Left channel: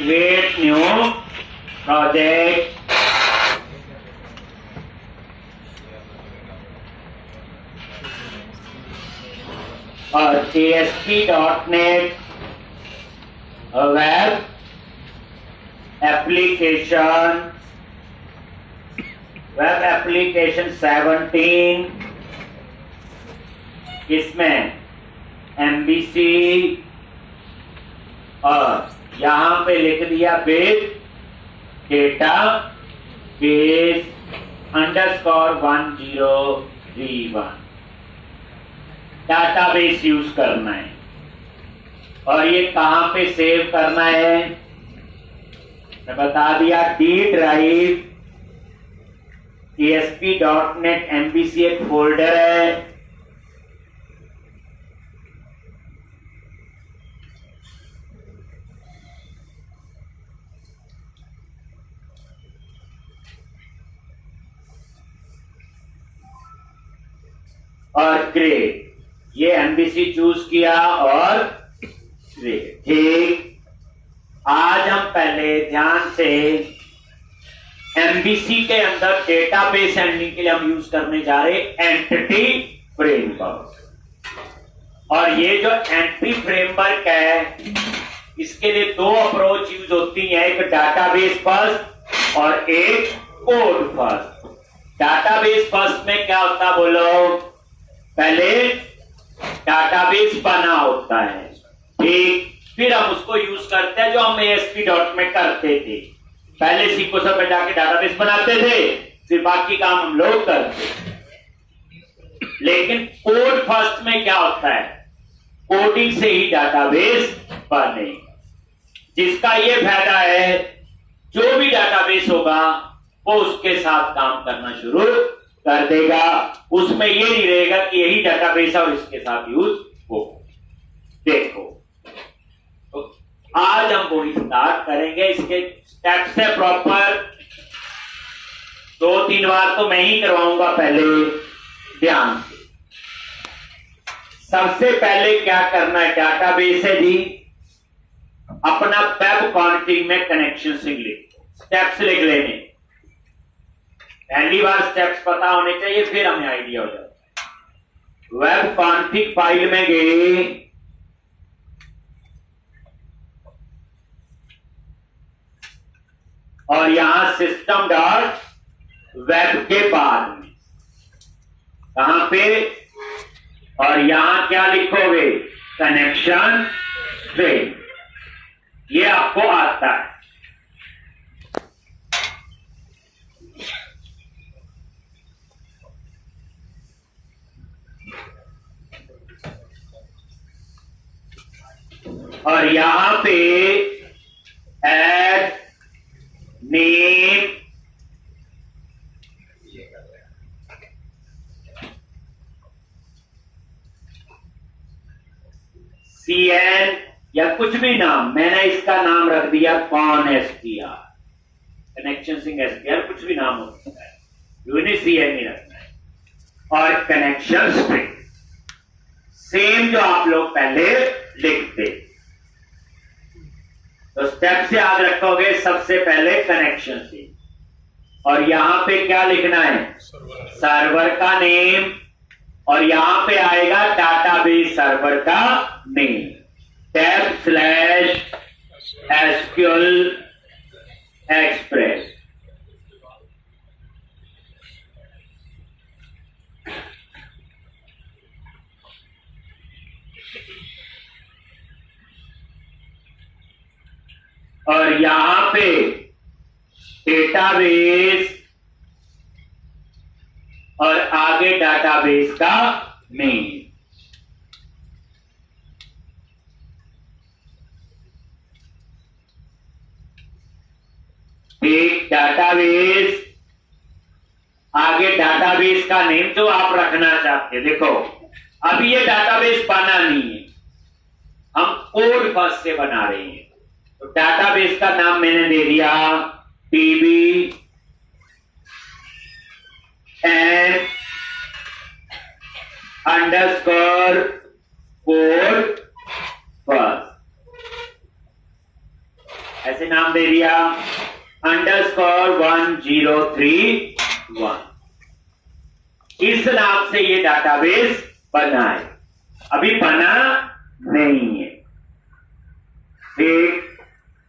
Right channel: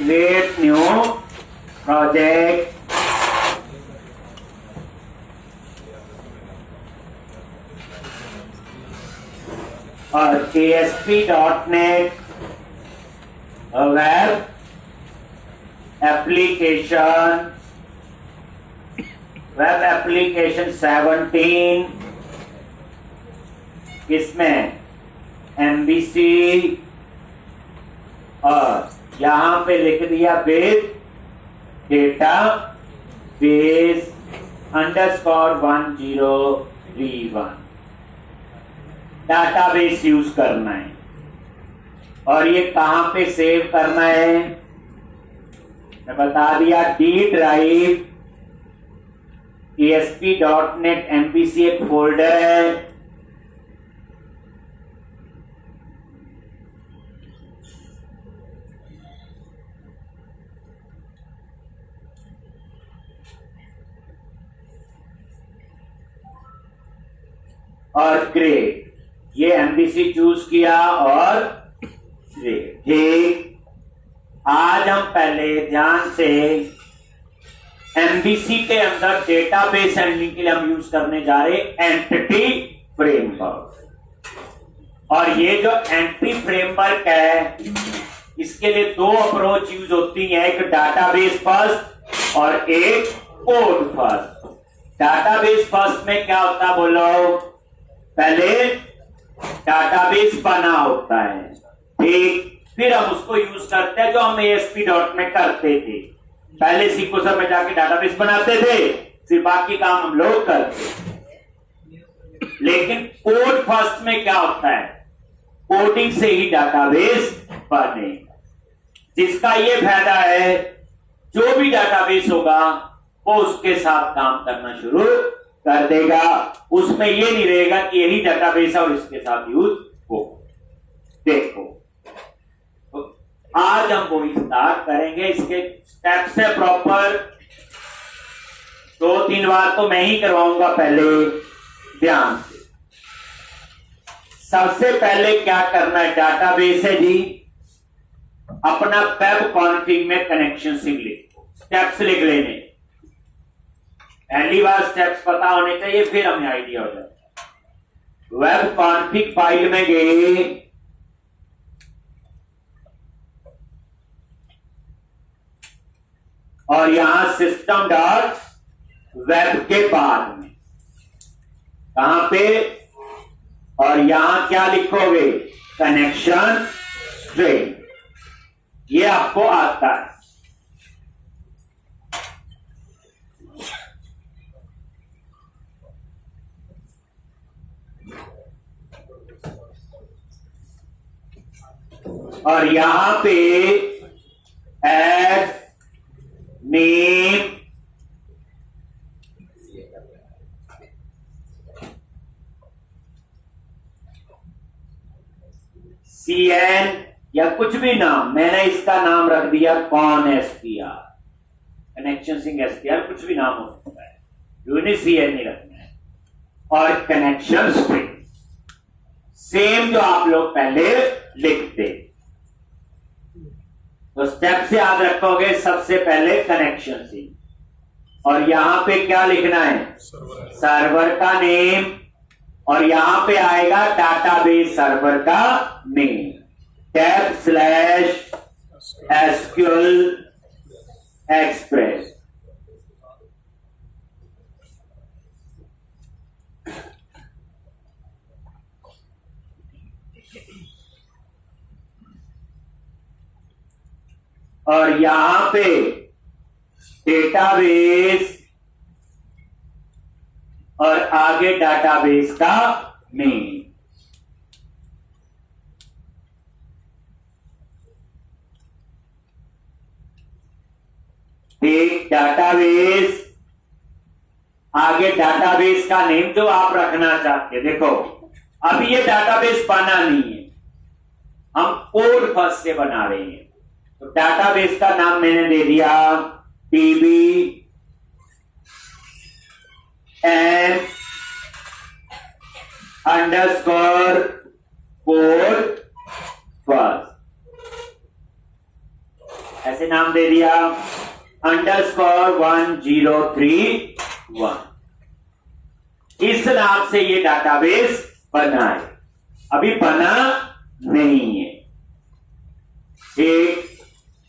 create new project और ASP.NET web application 17 इसमें MVC और यहां पे लिख दिया with data base _1031 database use करना है। और ये कहां पे सेव करना है मैं बता दिया। डी ड्राइव ASP.NET MVC एक फोल्डर है, और क्रिएट ये MVC चूज किया और क्रिएट। ठीक, आज हम पहले ध्यान से MVC के अंदर डेटाबेस हैंडलिंग के लिए हम यूज करने जा रहे एंटिटी फ्रेमवर्क। और ये जो एंट्री फ्रेमवर्क है इसके लिए दो अप्रोच यूज होती है, एक डाटाबेस फर्स्ट और एक कोड फर्स्ट। डाटाबेस फर्स्ट में क्या होता बोलो, पहले डाटाबेस बना होता है, ठीक, फिर हम उसको यूज करते हैं जो हम ASP.NET करते थे। पहले सीक्वेंसर पे जाके डाटाबेस बनाते थे, फिर बाकी काम हम लोग करते। लेकिन कोड फर्स्ट में क्या होता है, कोडिंग से ही डाटाबेस बने। जिसका ये फायदा है जो भी डाटाबेस होगा वो उसके साथ काम करना शुरू कर देगा। उसमें ये नहीं रहेगा कि यही डाटाबेस है और इसके साथ यूज हो। देखो तो आज हम वो स्टार्ट करेंगे। इसके स्टेप्स है प्रॉपर, 2-3 बार तो मैं ही करवाऊंगा, पहले ध्यान से। सबसे पहले क्या करना है, डाटाबेस है जी, अपना वेब कॉन्फिग में कनेक्शन से लिखो, स्टेप्स लिख लेने। पहली बार स्टेप्स पता होने चाहिए, फिर हमें आइडिया हो जाता है। वेब कॉन्फिग फाइल में गए, और यहां सिस्टम डॉट वेब के बाद में कहां पे, और यहां क्या लिखोगे, कनेक्शन स्ट्रिंग। ये आपको आता है। और यहां पे ऐड नेम, CN या कुछ भी नाम, मैंने इसका नाम रख दिया ConStr, कनेक्शन सिंह STR, कुछ भी नाम हो सकता है, यूनिक CN नहीं रखना है। और कनेक्शन स्ट्रिंग सेम जो आप लोग पहले लिखते। तो स्टेप से याद रखोगे, सबसे पहले कनेक्शन से, और यहां पे क्या लिखना है, सर्वर का नेम, और यहां पे आएगा डाटाबेस सर्वर का नेम, /SQL एक्सप्रेस। और यहां पे डेटाबेस, और आगे डाटाबेस का नेम। एक डाटाबेस, आगे डाटाबेस का नेम जो आप रखना चाहते हैं। देखो अभी ये डाटाबेस बना नहीं है, हम कोड फर्स्ट से बना रहे हैं। तो डाटाबेस का नाम मैंने दे दिया DB and _ code first। ऐसे नाम नाम दे दिया _1031। इस नाम से ये डाटाबेस बना है, अभी बना नहीं है। ठीक,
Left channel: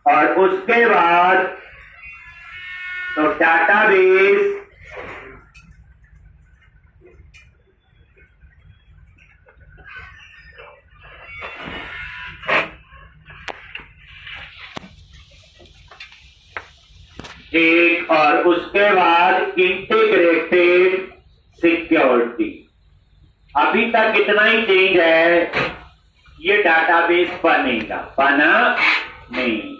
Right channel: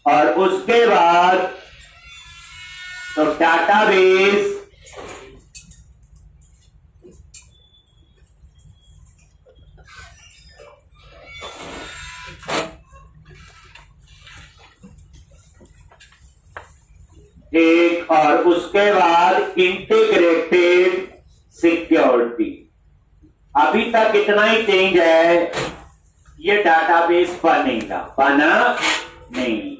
और उसके बाद तो डाटाबेस ठीक, और उसके बाद इंटीग्रेटेड सिक्योरिटी। अभी तक इतना ही चेंज है, ये डाटाबेस बनेगा, बना नहीं।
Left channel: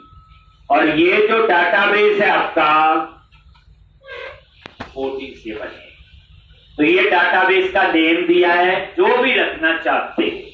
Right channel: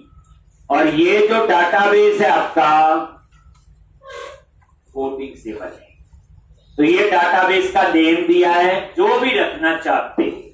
और ये जो डाटाबेस है आपका कोडिंग से बने, तो ये डाटाबेस का नेम दिया है, जो भी रखना चाहते हैं।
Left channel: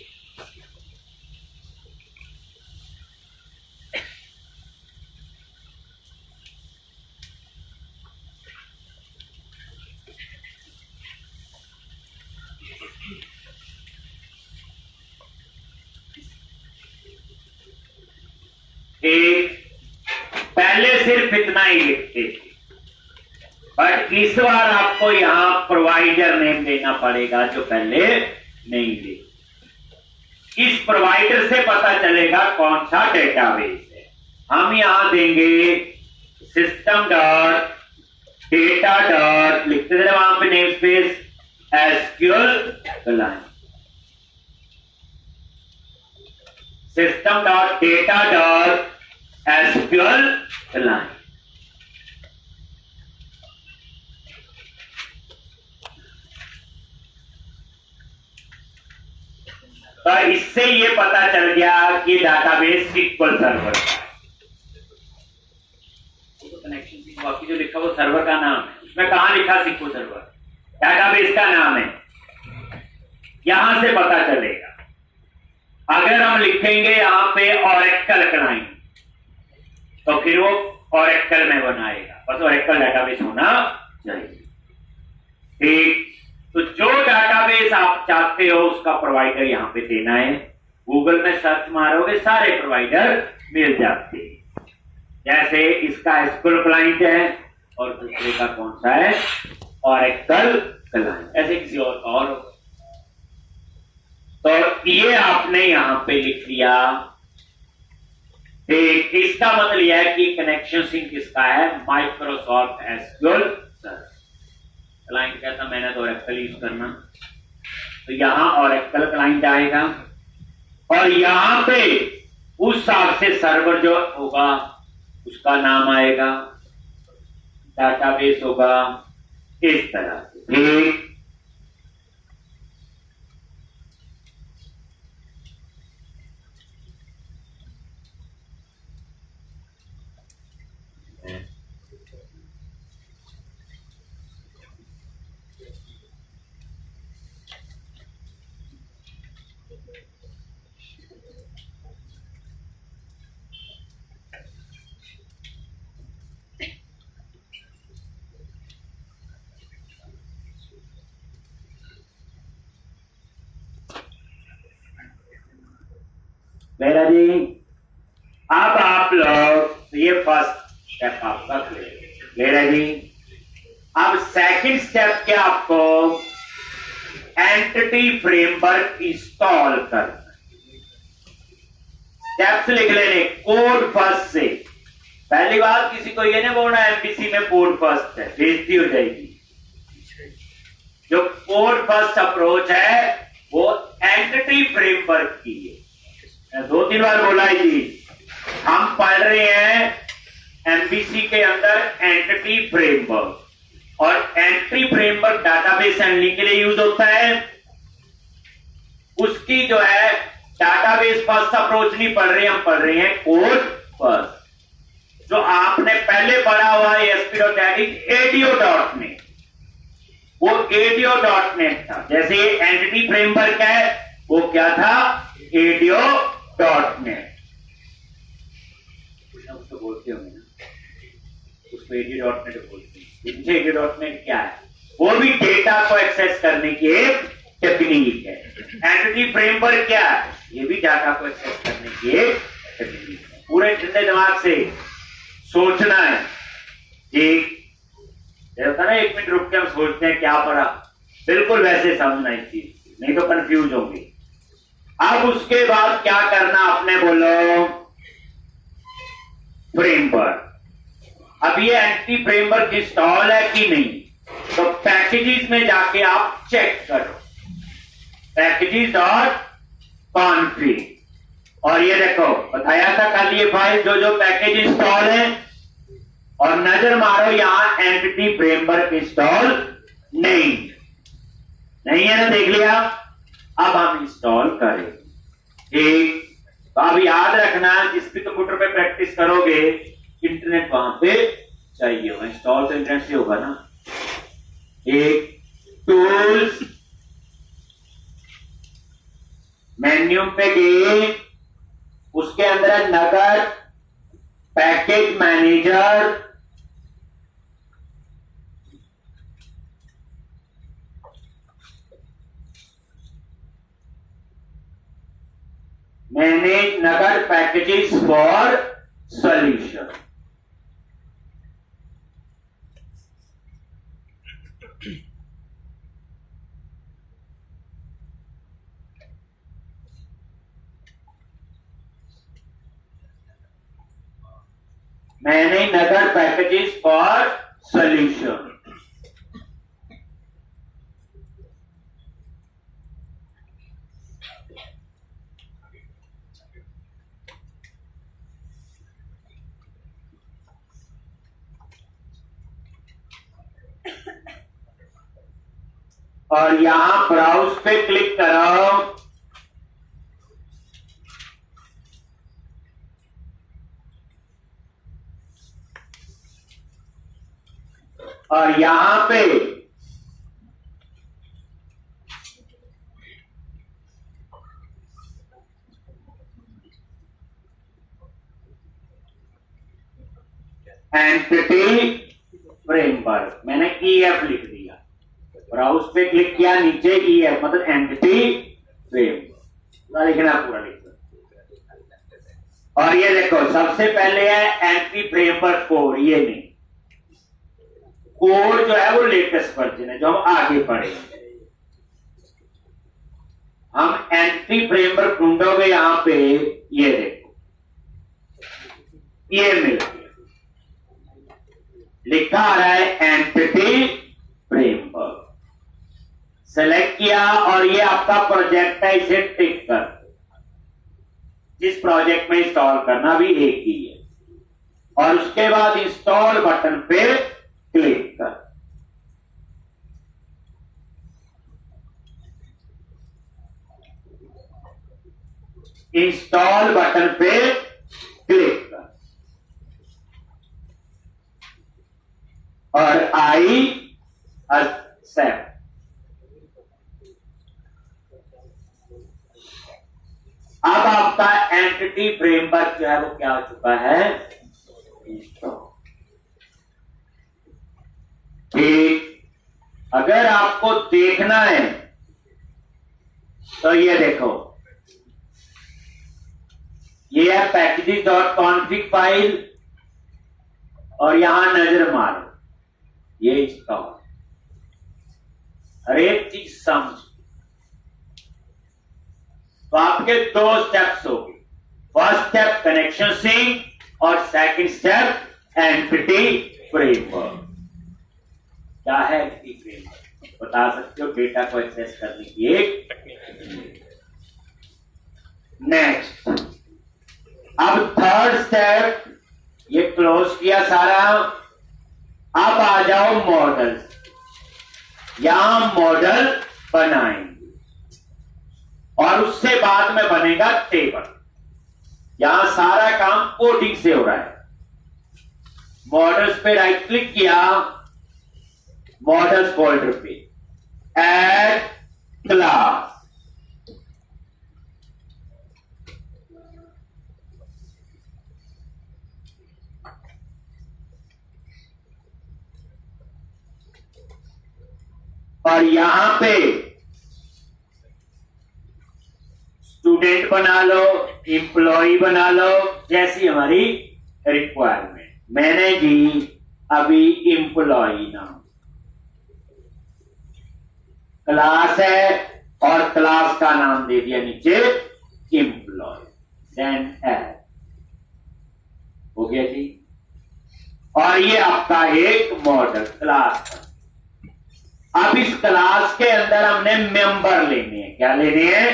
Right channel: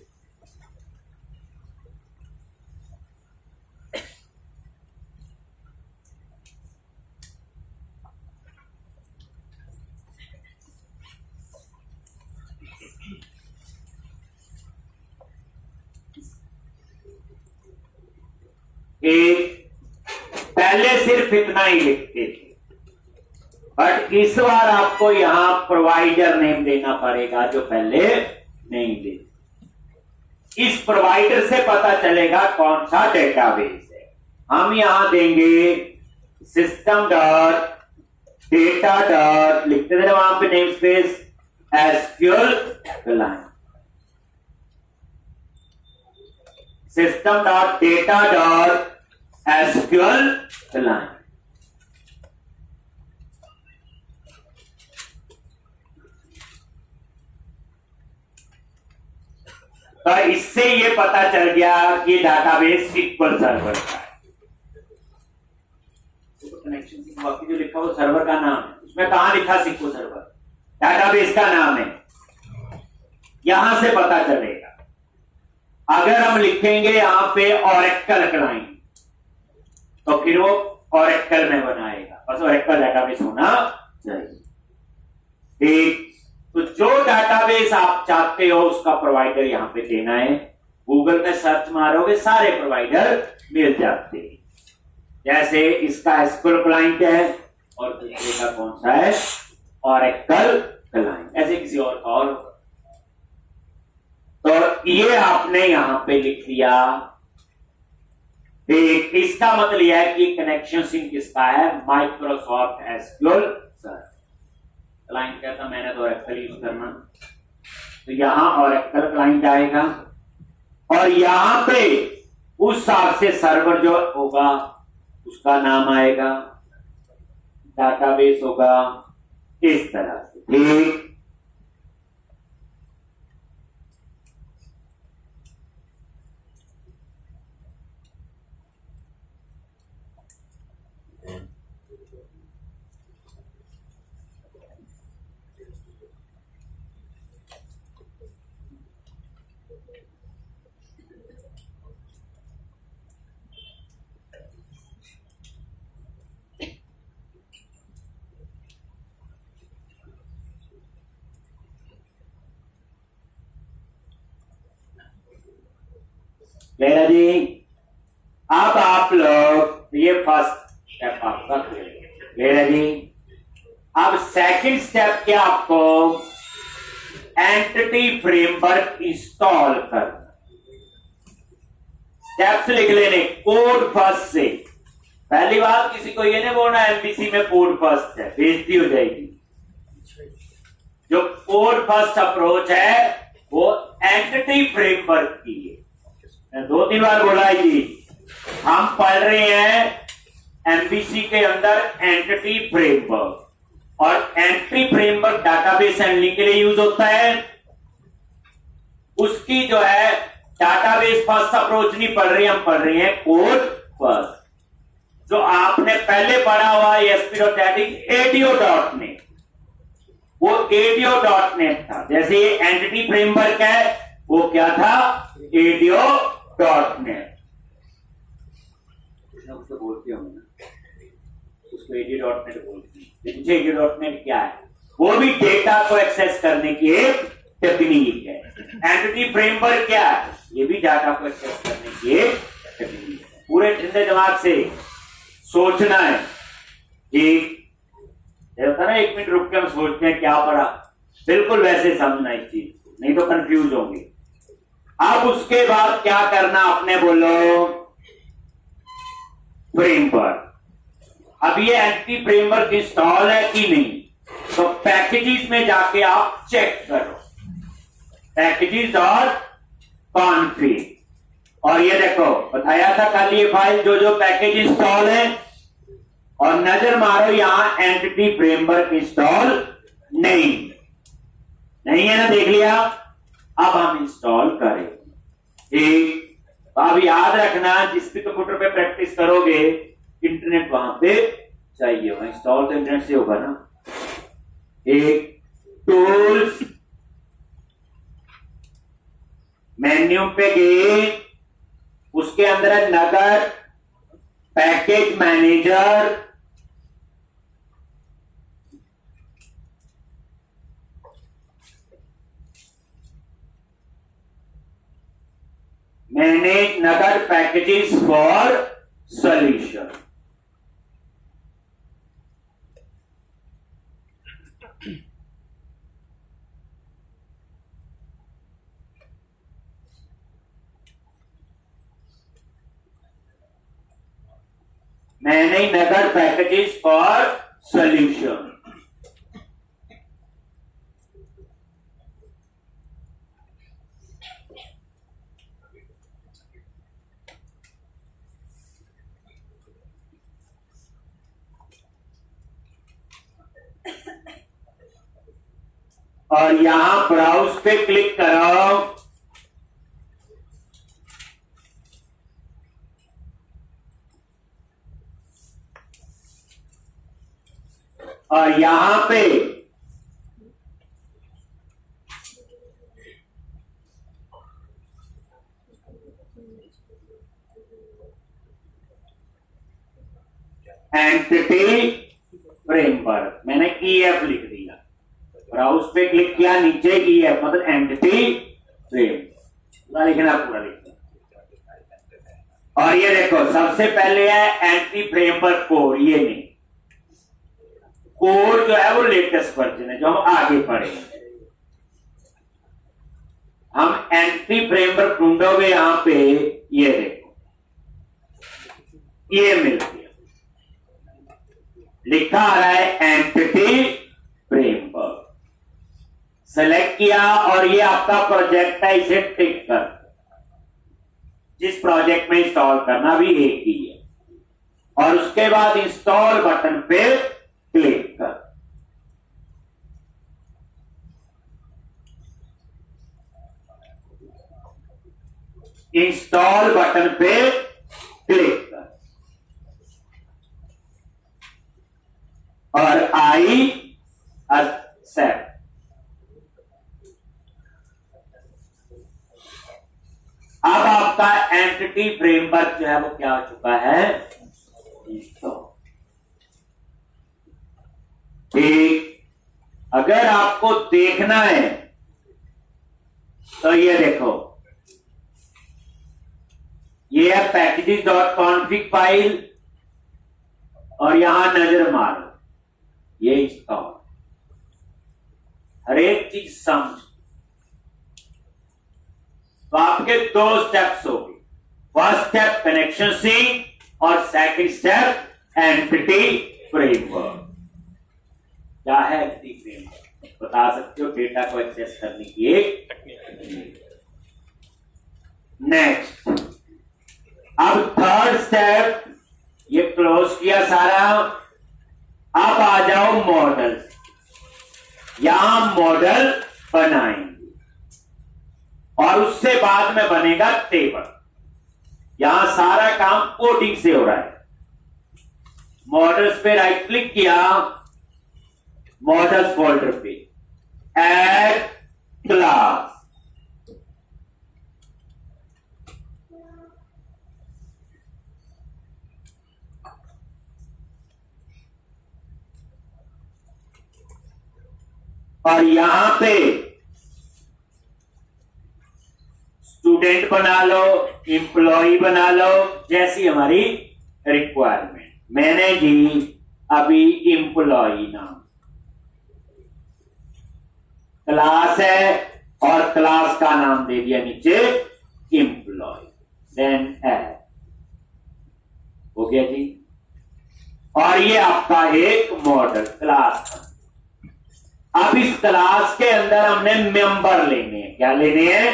पहले सिर्फ इतना ही लिखते थे, बट इस बार आपको यहां प्रोवाइडर नेम देना पड़ेगा, जो पहले नहीं थे। इस प्रोवाइडर से पता चलेगा कौन सा डेटाबेस है। हम यहां देंगे सिस्टम डॉट डेटा डॉट, लिखते थे वहां पे name space SQL client, system dot data dot SQL client. तो इससे ये पता चल गया कि डाटाबेस सिक्वल सर्वर का है। तो कनेक्शन बाकी जो लिखा वो सर्वर का नाम है, उसमें कहां लिखा सिक्वल सर्वर, डाटाबेस का नाम है, यहां से पता चलेगा। अगर हम लिखेंगे यहां पे ऑरेकल क्लाइंट, तो फिर वो ऑरेकल में बनाएगा, बस ऑरेकल डाटाबेस होना चाहिए। ठीक, तो जो डाटाबेस आप चाहते हो उसका प्रोवाइडर यहां पे देना है। गूगल में सर्च मारोगे सारे प्रोवाइडर मिल जाते हैं। जैसे इसका एसक्यूएल क्लाइंट है और दूसरे का कौन सा है, ऑरेकल क्लाइंट, ऐसे किसी और का और। तो ये आपने यहां पे लिख लिया। ठीक, इसका मतलब यह है कि कनेक्शन सिंक किसका है, माइक्रोसॉफ्ट एसक्यूएल सर्वर। क्लाइंट क्या था, मैंने तो ऑरेकल यूज करना, तो यहां ऑरेकल क्लाइंट आएगा, और यहां पे उस हिसाब से सर्वर जो होगा उसका नाम आएगा, डाटाबेस होगा, इस तरह से। ठीक, जी, अब आप लोग ये फर्स्ट स्टेप आपका क्लियर जी। अब सेकंड स्टेप क्या, आपको एंटिटी फ्रेमवर्क इंस्टॉल करना। स्टेप्स लिख लेने कोड फर्स्ट से। पहली बात, किसी को ये नहीं बोलना एमपीसी में कोड फर्स्ट है, बेइज्जती हो जाएगी। जो कोड फर्स्ट अप्रोच है वो एंटिटी फ्रेमवर्क की है। 2-3 बार बोला है जी, हम पढ़ रहे हैं एमबीसी के अंदर एंटिटी फ्रेमवर्क, और एंटिटी फ्रेमवर्क डाटाबेस हैंडलिंग के लिए यूज होता है। उसकी जो है डाटाबेस फर्स्ट अप्रोच नहीं पढ़ रहे, हम पढ़ रहे हैं कोड फर्स्ट। जो आपने पहले पढ़ा हुआ है ASP.NET, वो ADO.NET था। जैसे एंटिटी फ्रेमवर्क है, वो क्या था, ADO.NET। उसको बोलते होंगे ना, उसको ADO.NET बोलते हैं। ADO.NET क्या है, वो भी डेटा को एक्सेस करने की एक टेक्निक है। एंटिटी फ्रेमवर्क क्या है, ये भी डाटा को एक्सेस करने की एक टेक्निक है। पूरे ठंडे दिमाग से सोचना है। एक होता ना, 1 मिनट रुक के हम सोचते हैं क्या पढ़ा, बिल्कुल वैसे समझना इस चीज, नहीं तो कंफ्यूज होंगे। अब उसके बाद क्या करना आपने, बोलो फ्रेमवर्क। अब ये एंटी फ्रेमवर्क इंस्टॉल है कि नहीं, तो पैकेजेस में जाके आप चेक करो, पैकेजेस डॉट कॉन्फिग, और ये देखो बताया था कल ये फाइल जो पैकेज इंस्टॉल है, और नजर मारो यहां एंटिटी फ्रेमवर्क इंस्टॉल नहीं है ना, देख लिया। अब हम इंस्टॉल करें। ठीक, तो अब याद रखना, जिस भी कंप्यूटर पे प्रैक्टिस करोगे इंटरनेट वहां पे चाहिए होगा, इंस्टॉल तो इंटरनेट से होगा ना। एक टूल्स, मेन्यू पे गए, उसके अंदर है NuGet package manager, manage NuGet packages for solution. Manage NuGet packages for solution. और यहां ब्राउज पे क्लिक करो, और यहां पे एंटिटी फ्रेमवर्क, मैंने EF लिख दिया, ब्राउज पे क्लिक किया, नीचे EF मतलब एंटिटी फ्रेमवर्क लिखना, पूरा लिखना। और ये देखो सबसे पहले है एंटिटी फ्रेमवर्क कोड, ये नहीं, कोड जो है वो लेटेस्ट वर्जन है जो हम आगे पढ़ेंगे। हम एंटिटी फ्रेमवर्क ढूंढोगे यहां पे, ये देखो ये मिल गया, लिखा आ रहा है एंटिटी फ्रेमवर्क, सेलेक्ट किया, और ये आपका प्रोजेक्ट है, इसे टिक कर, जिस प्रोजेक्ट में इंस्टॉल करना भी एक ही है, और उसके बाद इंस्टॉल बटन पे क्लिक कर। इंस्टॉल बटन पे क्लिक कर, और आई एक्सेप्ट। अब आपका एंटिटी फ्रेमवर्क जो है वो क्या हो चुका है, इंस्टॉल। ठीक, अगर आपको देखना है तो ये देखो, ये है पैकेजेस डॉट कॉन्फिग फाइल, और यहां नजर मारो, ये इंस्टॉल, हर एक चीज समझ। तो आपके 2 स्टेप्स होंगे, फर्स्ट स्टेप कनेक्शन सिंक, और सेकंड स्टेप एंटिटी फ्रेमवर्क। क्या है एंटिटी फ्रेमवर्क, बता सकते हो, डेटा को एक्सेस करने की एक। नेक्स्ट, अब थर्ड स्टेप, ये क्लोज किया सारा। अब आ जाओ मॉडल, यहां मॉडल बनाएंगे, और उससे बाद में बनेगा टेबल। यहां सारा काम कोडिंग से हो रहा है। मॉडल्स पे राइट क्लिक किया, मॉडल्स फोल्डर पे ऐड क्लास, और यहां पे स्टूडेंट बना लो, एम्प्लॉय बना लो, जैसी हमारी रिक्वायरमेंट। मैंने जी अभी एम्प्लॉय नाम क्लास है और क्लास का नाम दे दिया नीचे एम्प्लॉय, देन एड हो गया जी। और ये आपका एक मॉडल क्लास था। अब इस क्लास के अंदर हमने मेंबर लेने हैं। क्या लेने हैं?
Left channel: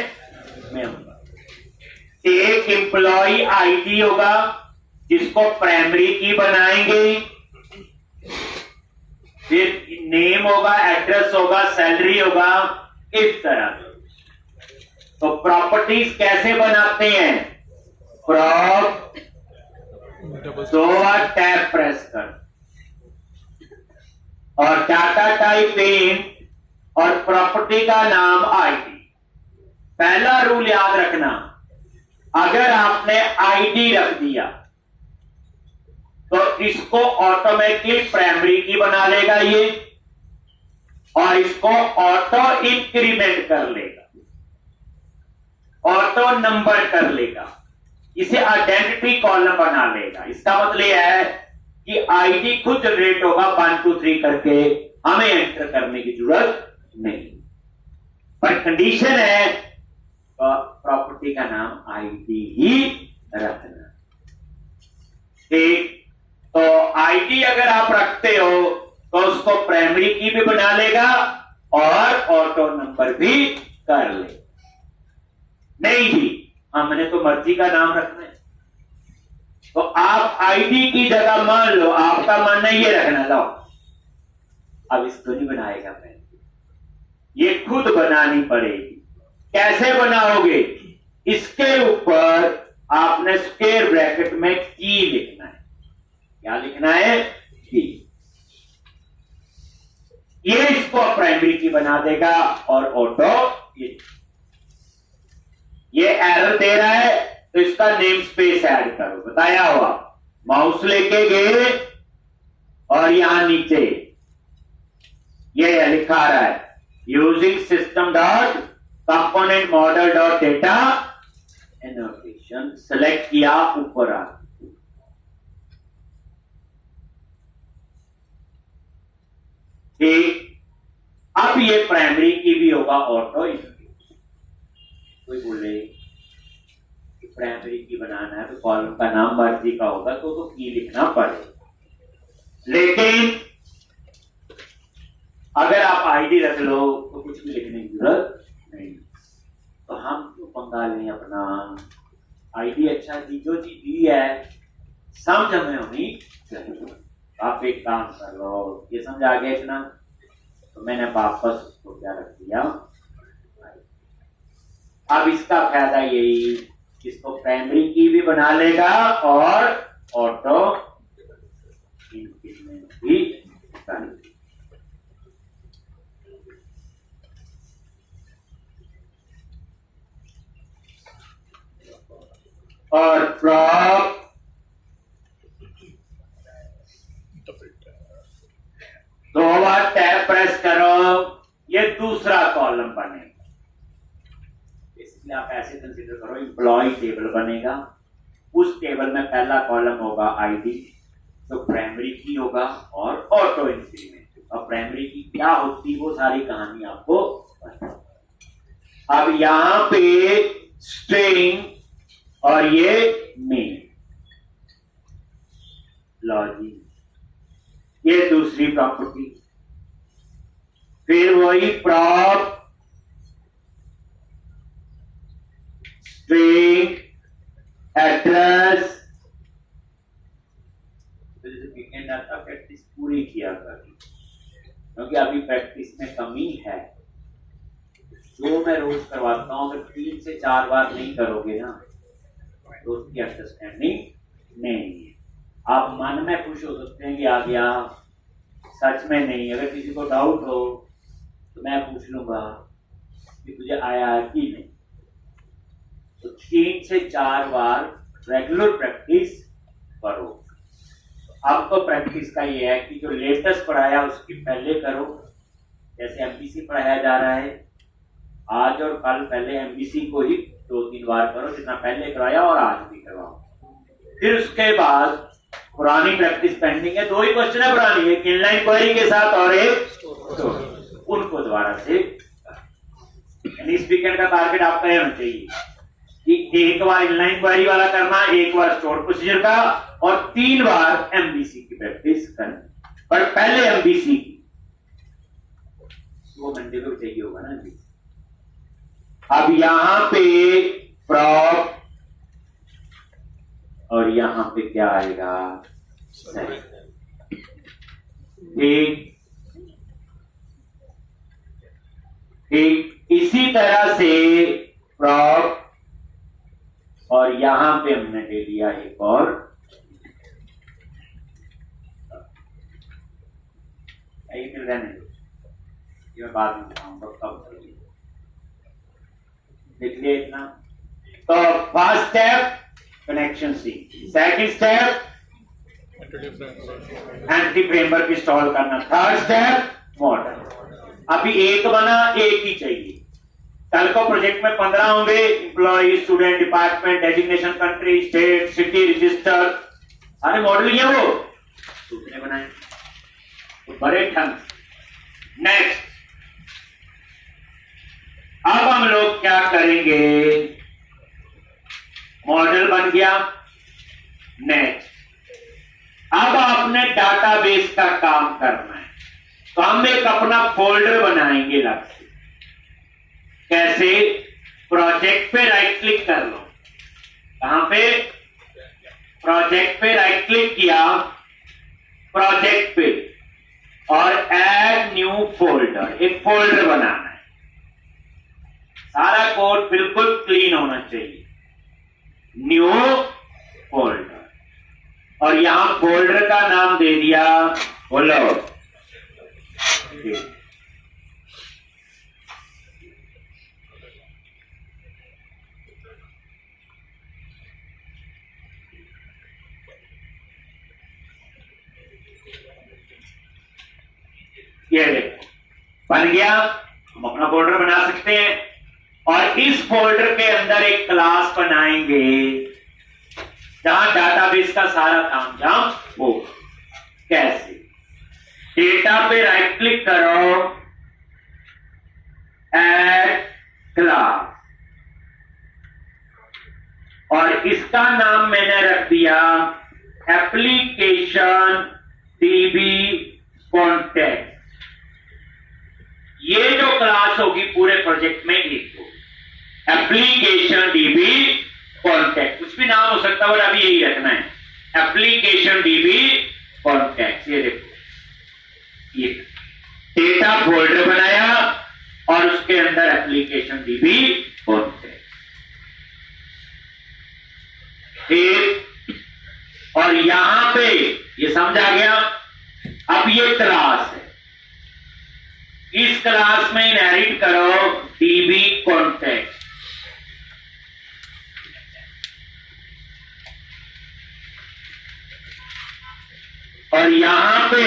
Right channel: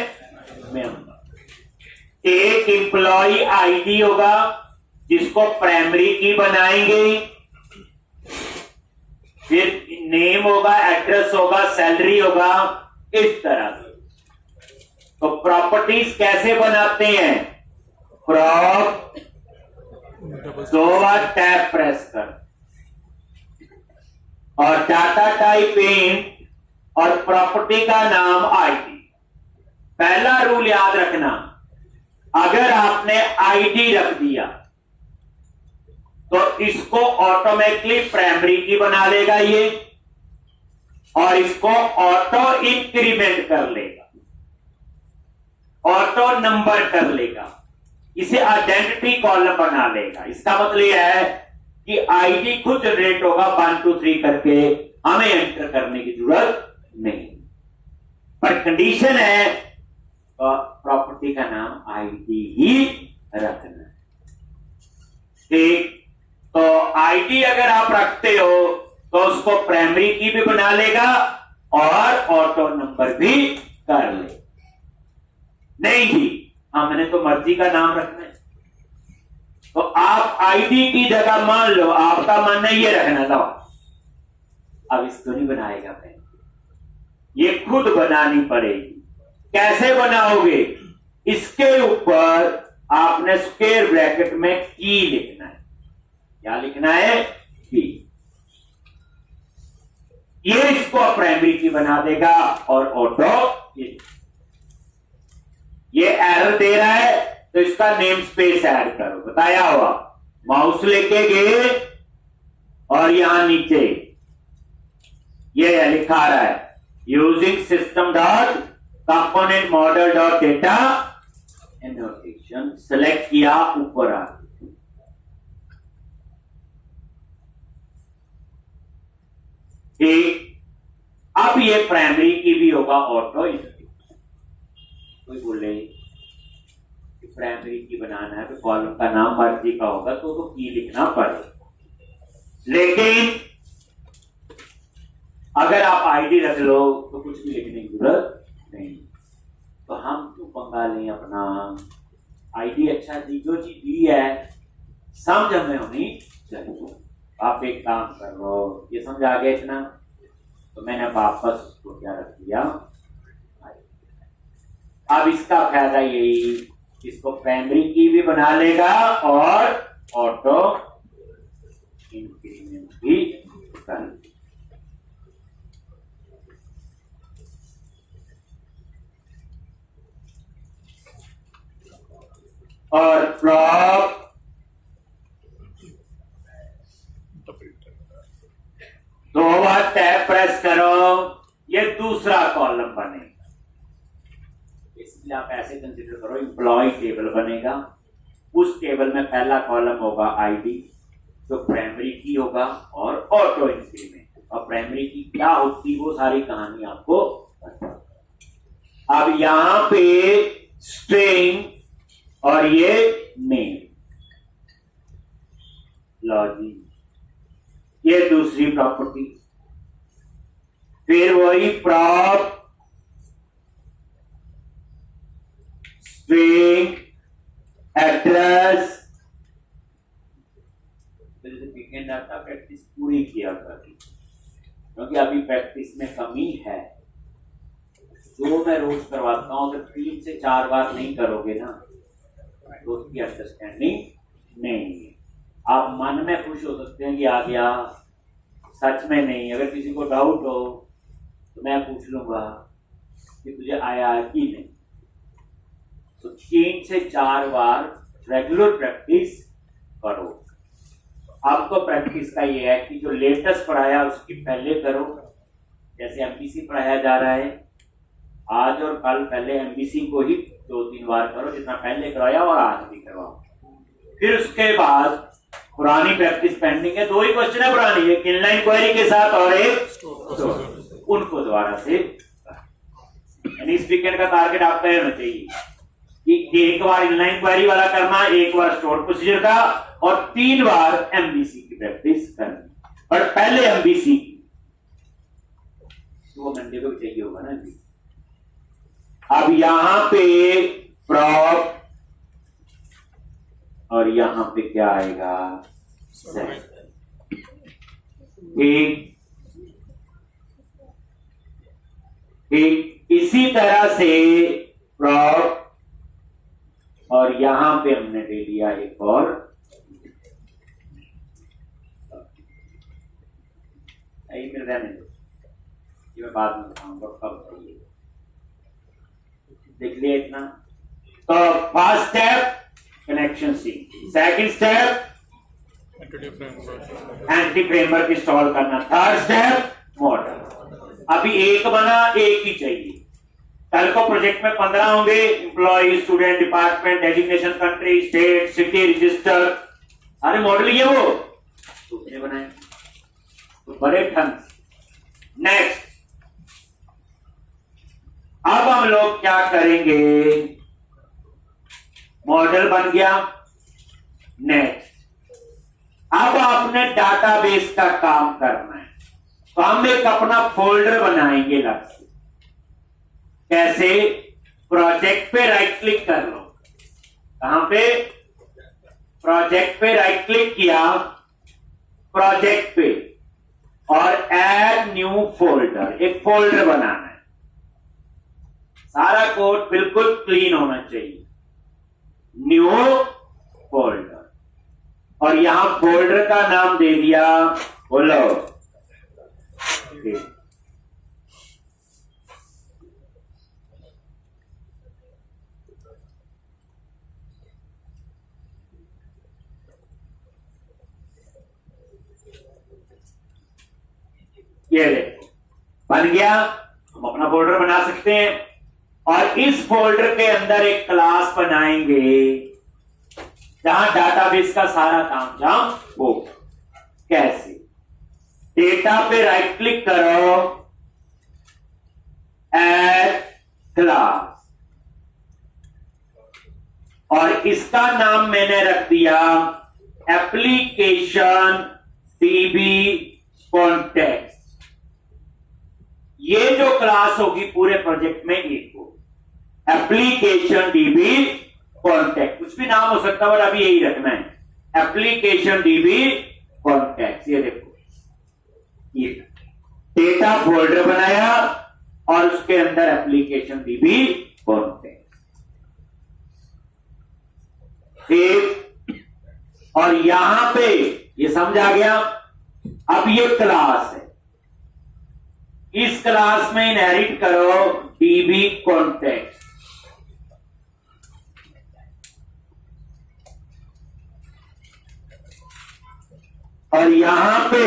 मेंबर। एक एम्प्लॉय आईडी होगा जिसको प्राइमरी की बनाएंगे, फिर नेम होगा, एड्रेस होगा, सैलरी होगा, इस तरह से। तो प्रॉपर्टीज कैसे बनाते हैं? प्रॉप, दो बार टैब प्रेस कर, और डाटा टाइप इंट और प्रॉपर्टी का नाम आईडी। पहला रूल याद रखना, अगर आपने आईडी रख दिया तो इसको ऑटोमेटिकली प्राइमरी की बना लेगा ये, और इसको ऑटो इंक्रीमेंट कर लेगा, ऑटो नंबर कर लेगा, इसे आइडेंटिटी कॉलम बना लेगा। इसका मतलब यह है कि आईडी खुद जनरेट होगा 1 2 3 करके, हमें एंटर करने की जरूरत नहीं। पर कंडीशन है तो प्रॉपर्टी का नाम आईडी ही रखना। ठीक, तो आईडी अगर आप रखते हो तो उसको प्राइमरी की भी बना लेगा और ऑटो नंबर भी कर ले। नहीं जी, हमने तो मर्जी का नाम रखना है, तो आप आईडी की जगह मान लो आपका मानना ये रखना था, अब इसको नहीं बनाएगा पहले, ये खुद बनानी पड़ेगी। कैसे बनाओगे? इसके ऊपर आपने स्क्वायर ब्रैकेट में की लिखना है। क्या लिखना है? की। ये इसको प्राइमरी की बना देगा और ऑटो ये एरर दे रहा है तो इसका नेम स्पेस ऐड करो, बताया हुआ। माउस लेके गए और यहां नीचे ये लिखा रहा है using system dot component model dot data annotation, select किया, ऊपर आ। अब ये प्राइमरी की भी होगा ऑटो इंक्रीमेंट। कोई बोले कि प्राइमरी की बनाना है तो कॉलम का नाम मर्जी का होगा तो की लिखना पड़ेगा, लेकिन अगर आप आईडी रख लो तो कुछ भी लिखने की जरूरत नहीं। तो हम क्यों पंगा लें अपना? आईडी अच्छा जी, जो चीज दी है समझ हमें होनी चाहिए। आप एक काम करो, ये समझ आ गया इतना, तो मैंने वापस उसको क्या रख दिया। अब इसका फायदा यही, इसको प्राइमरी की भी बना लेगा और ऑटो इंक्रीमेंट भी कर लेगा। और प्रॉप दो बार टैब प्रेस करो, ये दूसरा कॉलम बनेगा। इसलिए आप ऐसे कंसीडर करो, एम्प्लॉय टेबल बनेगा, उस टेबल में पहला कॉलम होगा आईडी, तो प्राइमरी की होगा और ऑटो इंक्रीमेंट। और प्राइमरी की क्या होती वो सारी कहानी आपको अब यहां पे स्ट्रिंग और ये नेम लॉजिक, ये दूसरी प्रॉपर्टी। फिर वही प्रॉप स्ट्रिंग एड्रेस, वीकेंड आपका प्रैक्टिस पूरी किया कर, क्योंकि अभी प्रैक्टिस में कमी है। जो मैं रोज करवाता हूं अगर 3 से 4 बार नहीं करोगे ना तो उसकी अंडरस्टैंडिंग नहीं है। आप मन में खुश हो सकते हैं कि आ गया, सच में नहीं। अगर किसी को डाउट हो तो मैं पूछ लूंगा कि तुझे आया कि नहीं। तो 3 से 4 बार रेगुलर प्रैक्टिस करो। अब तो प्रैक्टिस का ये है कि जो लेटेस्ट पढ़ाया उसकी पहले करो, जैसे एमपीसी पढ़ाया जा रहा है आज और कल, पहले एमपीसी को ही 2-3 बार करो जितना पहले कराया और आज भी करवाओ। फिर उसके बाद पुरानी प्रैक्टिस पेंडिंग है, 2 ही क्वेश्चन है पुरानी, एक इनलाइन क्वेरी के साथ और एक उनको दोबारा से। यानी इस वीकेंड का टारगेट आपका होना चाहिए कि एक बार इनलाइन क्वेरी वाला करना, एक बार स्टोर प्रोसीजर का और 3 बार एमबीसी की प्रैक्टिस करनी। पर पहले एमबीसी की 2 घंटे को चाहिए होगा ना जी। अब यहां पे प्रॉप और यहां पे क्या आएगा, ठीक ठीक। इसी तरह से प्रॉप और यहां पे हमने ले लिया एक और मिल रहा नहीं, ये मैं बाद में बताऊंगा कब चाहिए, देख लिया इतना। तो फर्स्ट स्टेप कनेक्शन सी, सेकंड स्टेप एंटी फ्रेमवर्क इंस्टॉल करना, थर्ड स्टेप मॉडल। अभी एक बना, एक ही चाहिए। कल को प्रोजेक्ट में 15 होंगे, employee, student, department, designation, country, state, city, register, सारे मॉडल ये वो दूसरे बनाए तो बड़े ढंग। नेक्स्ट, अब हम लोग क्या करेंगे, मॉडल बन गया। नेक्स्ट, अब आपने डाटाबेस का काम करना है, तो हम एक अपना फोल्डर बनाएंगे अलग से। कैसे, प्रोजेक्ट पे राइट क्लिक कर लो, कहां पे, प्रोजेक्ट पे राइट क्लिक किया, प्रोजेक्ट पे और ऐड न्यू फोल्डर, एक फोल्डर बनाना है। सारा कोड बिल्कुल क्लीन होना चाहिए, न्यू फोल्डर, और यहां फोल्डर का नाम दे दिया, बोलो ये बन गया। हम अपना फोल्डर बना सकते हैं और इस फोल्डर के अंदर एक क्लास बनाएंगे जहां डाटाबेस का सारा काम जहां हो। कैसे, डेटा पे राइट क्लिक करो, ऐड क्लास, और इसका नाम मैंने रख दिया एप्लीकेशन डीबी कॉन्टेक्स्ट। ये जो क्लास होगी पूरे प्रोजेक्ट में एक हो, एप्लीकेशन डीबी कॉन्टेक्ट, कुछ भी नाम हो सकता है और अभी यही रखना है, एप्लीकेशन डीबी कॉन्टेक्ट। ये देखो, ये डेटा फोल्डर बनाया और उसके अंदर एप्लीकेशन डीबी कॉन्टेक्ट, ठीक। और यहां पे ये समझ आ गया। अब ये क्लास है, इस क्लास में इनहेरिट करो डीबी कॉन्टेक्स्ट, और यहां पे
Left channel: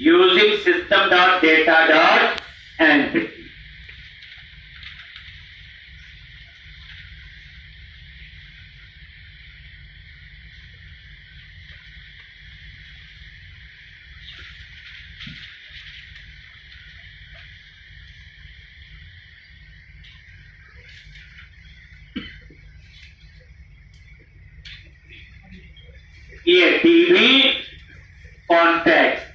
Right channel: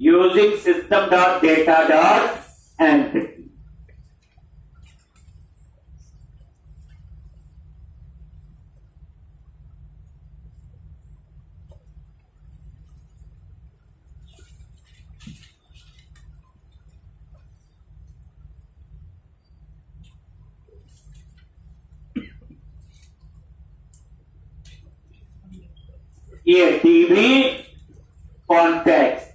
using system dot data dot entity, ये डीबी कॉन्टेक्स्ट,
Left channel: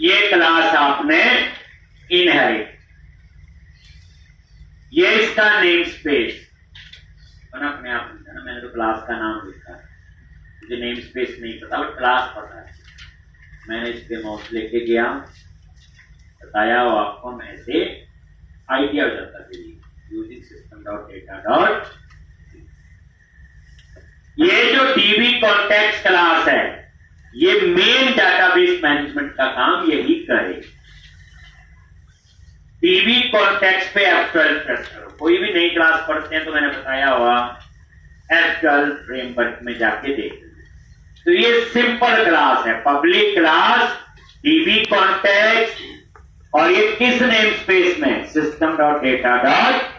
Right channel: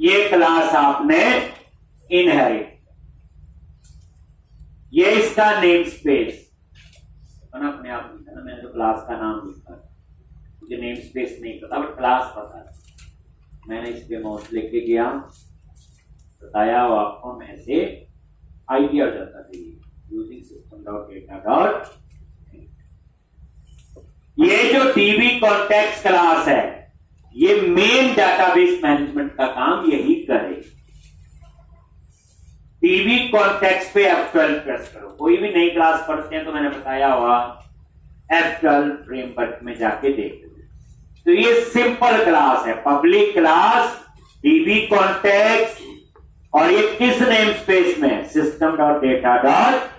ये क्लास आपने इनहेरिट, ये इसका नेम स्पेस अपने आप लिखा ना, मैंने तो क्लास का नाम लिखा, मुझे नेम स्पेस नहीं पता बट क्लास पता है। मैंने इस पे माउस लेके गया, बताया वो आपको, मैं से आइडिया हो जाता है using system dot data dot. ये जो डीबी कॉन्टेक्स्ट क्लास है, ये मेन डाटाबेस मैनेजमेंट का काम यही करे। डीबी कॉन्टेक्स्ट पे F12 प्रेस करो। कोई भी नई क्लास पढ़ते हैं तो मैंने बताया हुआ F12 फ्रेमवर्क में जाके देख लो। तो ये सिंपल क्लास है, पब्लिक क्लास डीबी कॉन्टेक्स्ट, और ये किस नेम स्पेस में, सिस्टम डॉट डेटा डॉट।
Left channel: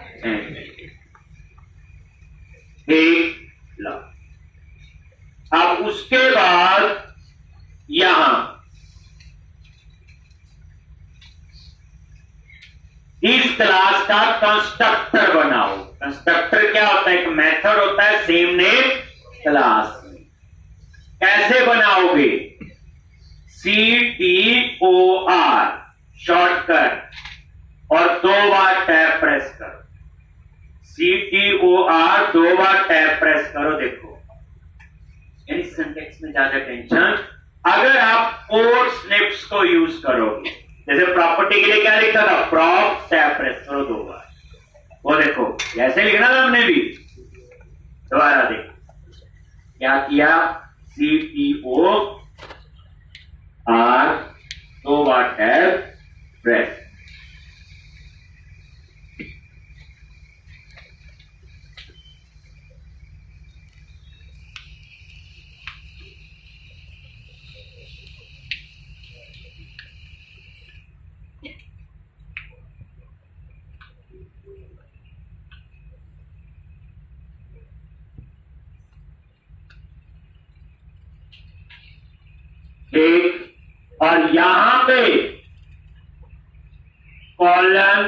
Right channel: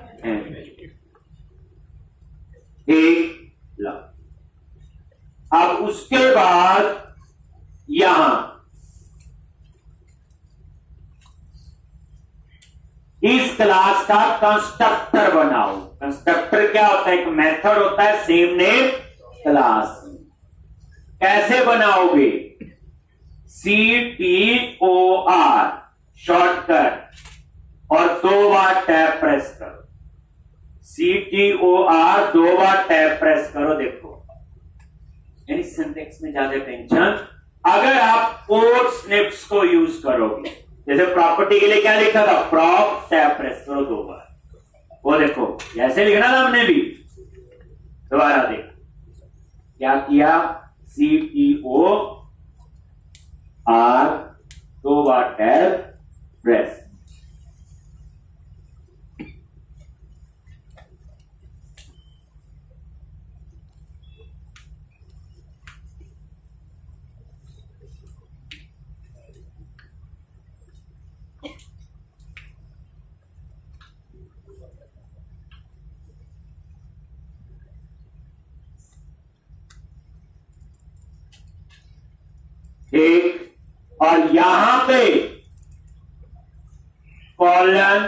ठीक, लो। अब उसके बाद यहां इस क्लास का कंस्ट्रक्टर बनाओ। कंस्ट्रक्टर क्या होता है? एक मेथड होता है सेम नेम क्लास में। कैसे बनाओगे? CTOR शॉर्टकट और 2 बार टैब प्रेस करो। CTOR 2 बार टैब प्रेस करो। देखो यानी सिंटैक्स में ज्यादा टेंशन। अगर आप कोड स्निप्स को यूज करोगे, जैसे प्रॉपर्टी के लिए क्या लिखा था? प्रॉप टैब प्रेस करो 2 बार। वो देखो ऐसे लिखना था हमने भी। दोबारा देखो क्या किया? CTOR 2 बार टैब प्रेस। ठीक, और यहां पे कॉलन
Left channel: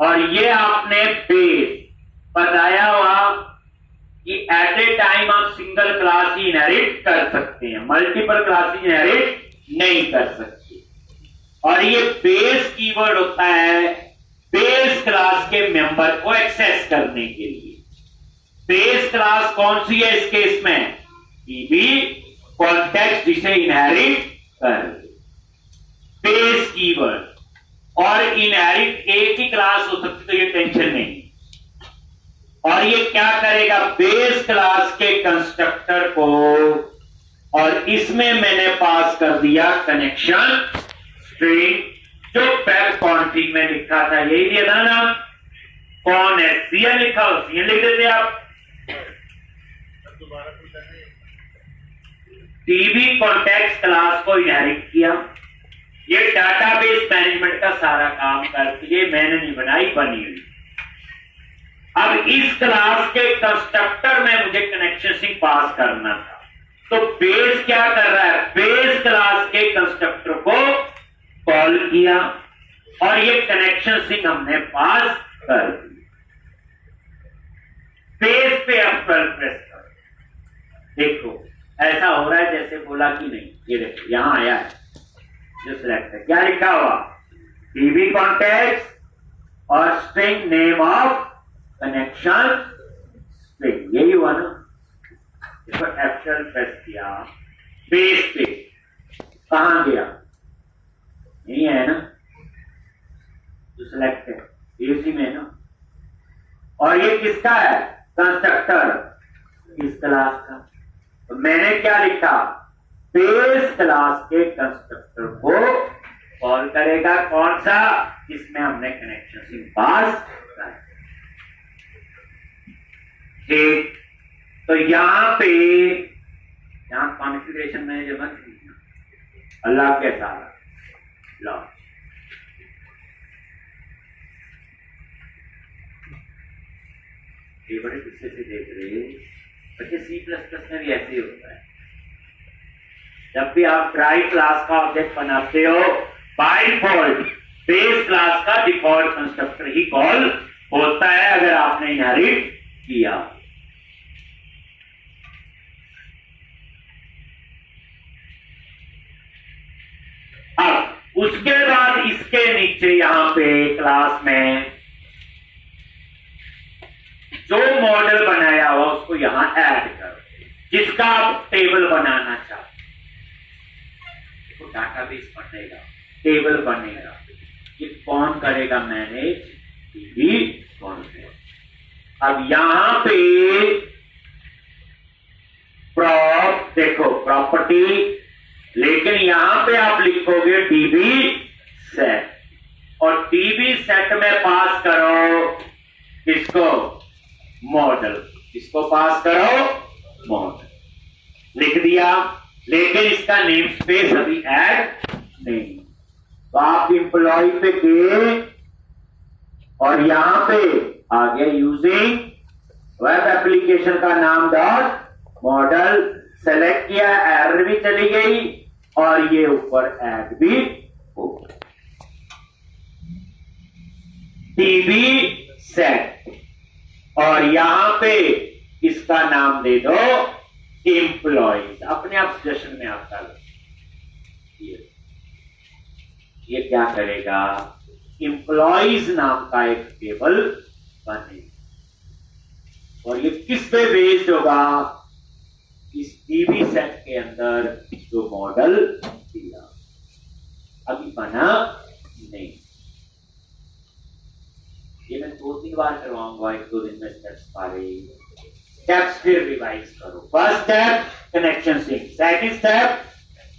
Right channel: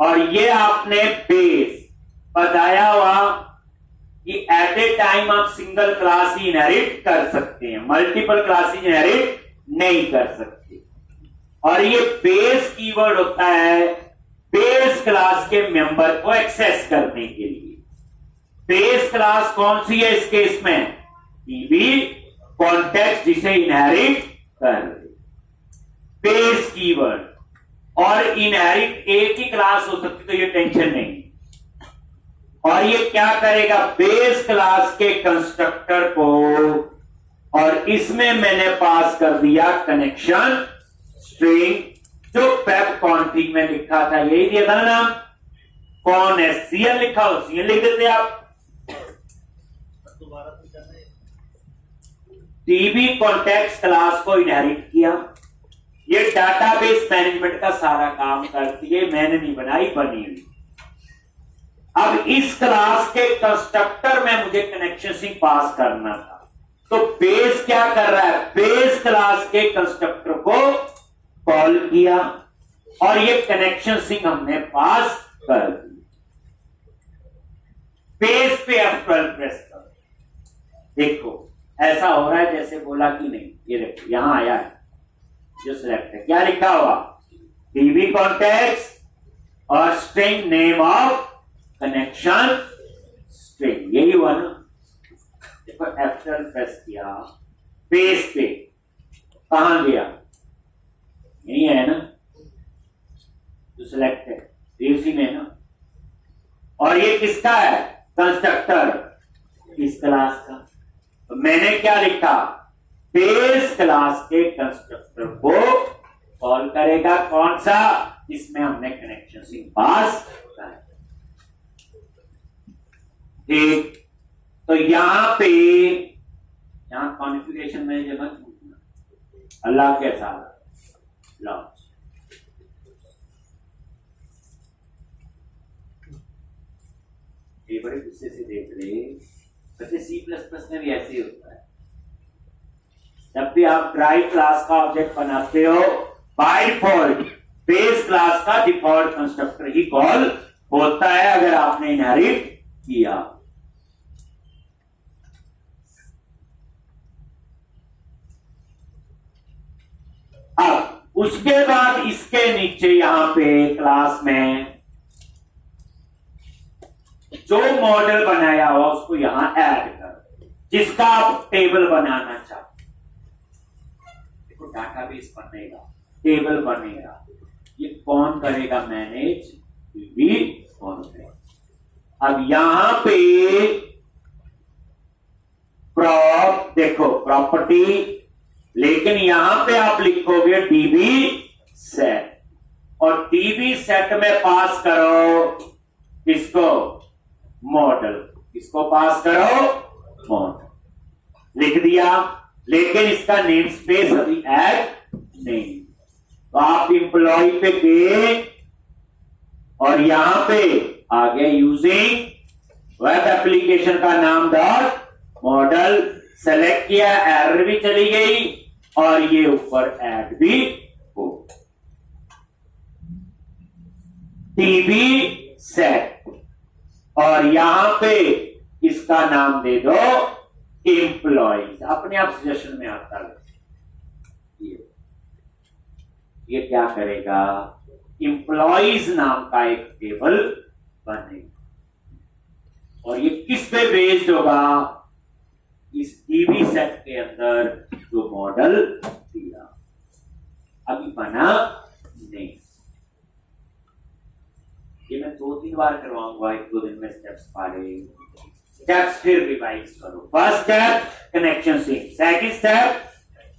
और ये आपने बेस बताया हुआ कि एट ए टाइम आप सिंगल क्लास ही इनहेरिट कर सकते हैं, मल्टीपल क्लास ही इनहेरिट नहीं कर सकते। और ये बेस कीवर्ड होता है बेस क्लास के मेंबर को एक्सेस करने के लिए। बेस क्लास कौन सी है इस केस में? DB कॉन्टेक्स्ट जिसे इनहेरिट कर बेस कीवर्ड। और इनहेरिट एक ही क्लास हो सकती, तो ये टेंशन नहीं। और ये क्या करेगा? बेस क्लास के कंस्ट्रक्टर को, और इसमें मैंने पास कर दिया कनेक्शन स्ट्रिंग, जो वेब कॉन्फिग में लिखा था यही दिया था ना। कौन है? CL लिखा हो, CL लिख देते आप। DB कॉन्टेक्स्ट क्लास को इनहेरिट किया। ये डाटाबेस मैनेजमेंट का सारा काम करती है, मैंने नहीं बनाई, बनी हुई। अब इस क्लास के कंस्ट्रक्टर में मुझे कनेक्शन स्ट्रिंग पास करना था, तो बेस क्या कर रहा है? बेस क्लास के कंस्ट्रक्टर को कॉल किया और ये कनेक्शन स्ट्रिंग हमने पास कर दी। बेस पे अब 12 प्रेस कर। देखो ऐसा हो रहा है जैसे बोला कि नहीं। ये देखो यहां आया है जो सिलेक्ट है, क्या लिखा हुआ? DB कॉन्टेक्स्ट और string name of connection string, यही हुआ ना। देखो F12 प्रेस किया, बेस पे कहां गया? यही है ना जो सिलेक्ट है, इसी में ना। और ये किसका है? कंस्ट्रक्टर इस क्लास का। तो मैंने क्या लिखा? बेस क्लास के कंस्ट्रक्टर को कॉल करेगा। कौन सा? इसमें हमने कनेक्शन स्ट्रिंग पास किया। ठीक, तो यहां पे कॉन्फ़िगरेशन में जब अल्लाह के साथ लॉन्च, ये बड़े गुस्से से देख रहे हैं बच्चे। C++ में भी ऐसे ही होता है। जब भी आप ड्राइव क्लास का ऑब्जेक्ट बनाते हो, बाय डिफॉल्ट बेस क्लास का डिफॉल्ट कंस्ट्रक्टर ही कॉल होता है अगर आपने इनहेरिट किया। अब उसके बाद इसके नीचे यहां पे क्लास में जो मॉडल बनाया हुआ उसको यहां ऐड करो, जिसका आप टेबल बनाना चाहते। देखो डाटाबेस बनेगा, टेबल बनेगा, ये कौन करेगा? Manage DB context. अब यहां पे प्रॉप, देखो प्रॉपर्टी, लेकिन यहां पे आप लिखोगे DB सेट, और DB सेट में पास करो किसको? मॉडल। इसको पास करो मॉडल, लिख दिया। लेकिन इसका नेम स्पेस अभी ऐड नहीं, तो आप इंप्लॉय पे गए और यहां पे आ गए यूजिंग वेब एप्लीकेशन का नाम डॉट मॉडल, सेलेक्ट किया, एरर भी चली गई और ये ऊपर ऐड भी हो गया। टीबी सेट और यहां पे इसका नाम दे दो एम्प्लॉइज, अपने आप सजेशन में आता है। ये क्या करेगा, एम्प्लॉइज नाम का एक टेबल बनेगा और ये किस पे बेस्ड होगा, इस टीबी सेट के अंदर जो मॉडल दिया, अभी बना नहीं। ये मैं 2-3 बार करवाऊंगा, 1-2 दिन में स्टेप्स पारे। स्टेप्स फिर रिवाइज करो। First step connection sync, second step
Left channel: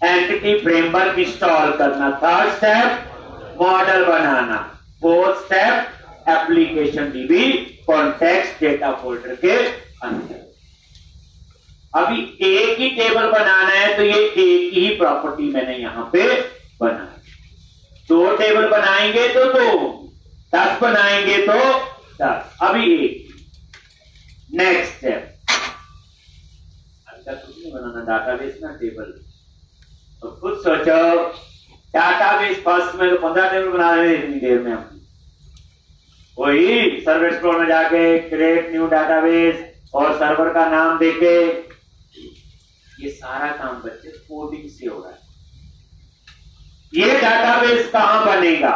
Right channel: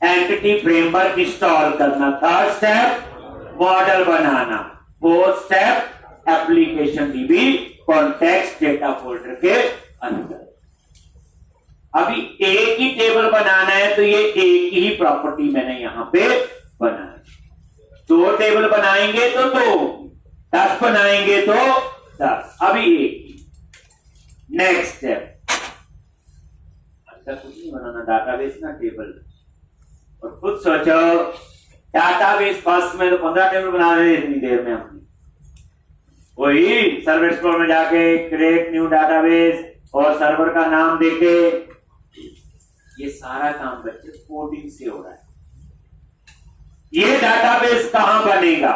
entity framework install करना, थर्ड स्टेप मॉडल बनाना, fourth step application DB context data folder के अंदर। अभी एक ही टेबल बनाना है तो ये एक ही प्रॉपर्टी मैंने यहां पे बनाई। 2 टेबल बनाएंगे तो 2, 10 बनाएंगे तो 10, अभी एक। नेक्स्ट स्टेप, कुछ नहीं बनाना, डाटाबेस ना टेबल। और खुद सोचो, डाटाबेस फर्स्ट में तो 15 टेबल बना रहे इतनी देर में हम। वही सर्वर एक्सप्लोरर में जाके क्रिएट न्यू डाटाबेस और सर्वर का नाम देके, ये सारा काम बच्चे कोडिंग से हो रहा है। ये डाटाबेस कहां बनेगा,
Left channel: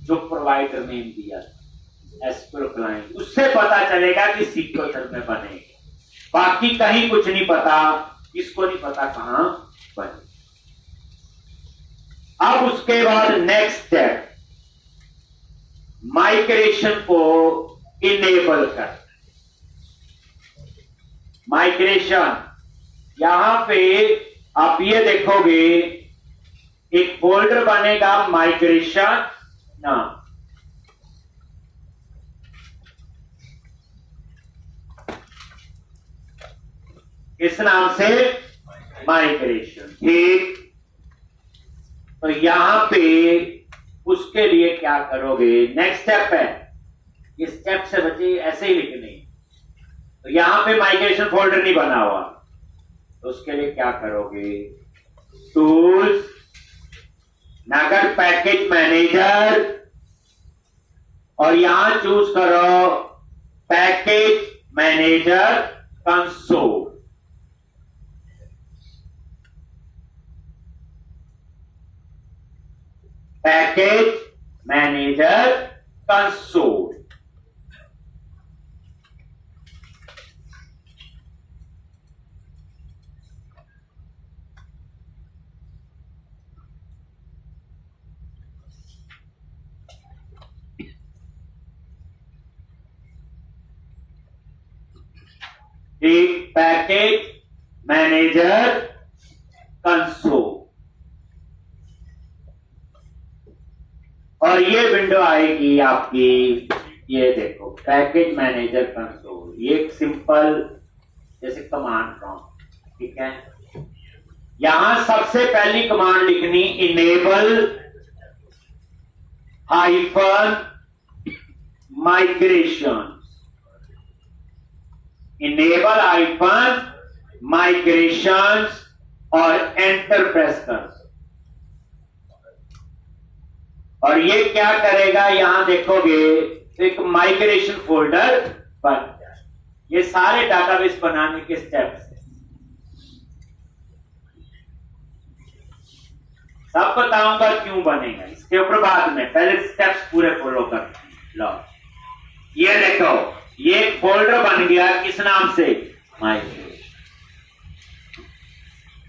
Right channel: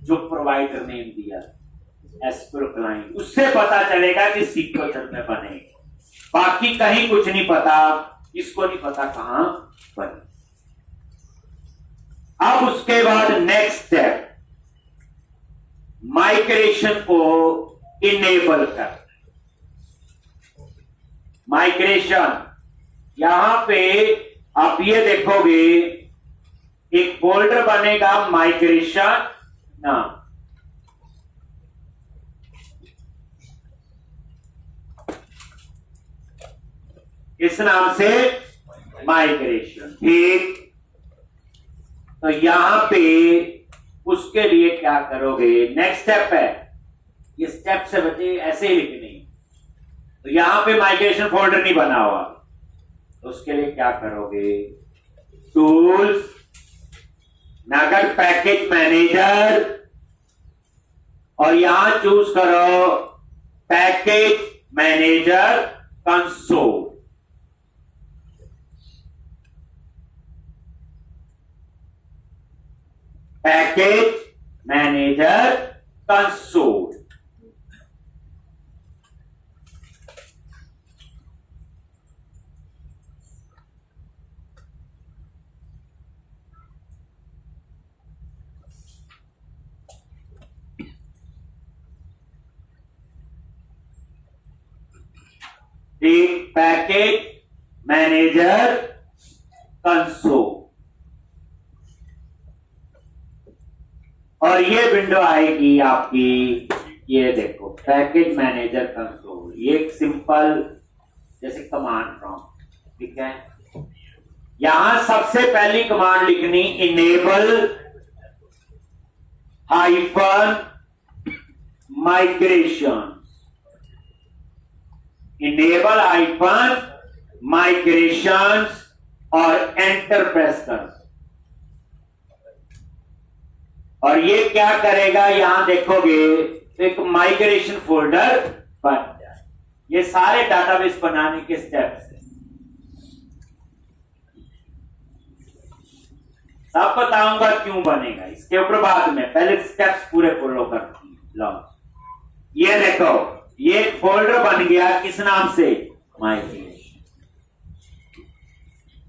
जो प्रोवाइडर ने दिया एसक्यूएल क्लाइंट, उससे पता चलेगा कि सीक्वल सर्वर में बनेगा। बाकी कहीं कुछ नहीं पता, इसको नहीं पता कहां बने। अब उसके बाद नेक्स्ट स्टेप, माइग्रेशन को इनेबल कर। माइग्रेशन, यहां पे आप ये देखोगे एक फोल्डर बनेगा माइग्रेशन नाम। इस नाम से माइग्रेशन, ठीक। तो यहां पे उसके लिए क्या करोगे, नेक्स्ट स्टेप है, ये स्टेप से बच्चे ऐसे ही लिखने। तो यहां पे माइग्रेशन फोल्डर नहीं बना हुआ, तो उसके लिए क्या करोगे, टूल्स, नगर पैकेज मैनेजर, और यहां चूज करो package manager console. Package manager console. एक पैकेज मैनेजर कंसोल, और ये विंडो आएगी आपकी, ये देखो पैकेज मैनेजर कंसोल। ये एक सिंपल जैसे कमांड प्रॉम्प्ट, ठीक है। यहां सबसे पहली कमांड लिखनी, enable hyphen migration, enable hyphen migration और एंटर प्रेस कर। और ये क्या करेगा, यहां देखोगे एक माइग्रेशन फोल्डर बन जाए। ये सारे डाटाबेस बनाने के स्टेप्स हैं, सब बताऊंगा क्यों बनेगा इसके ऊपर बाद में, पहले स्टेप्स पूरे फॉलो कर लो। ये देखो, ये एक फोल्डर बन गया, किस नाम से, माइग्रेशन,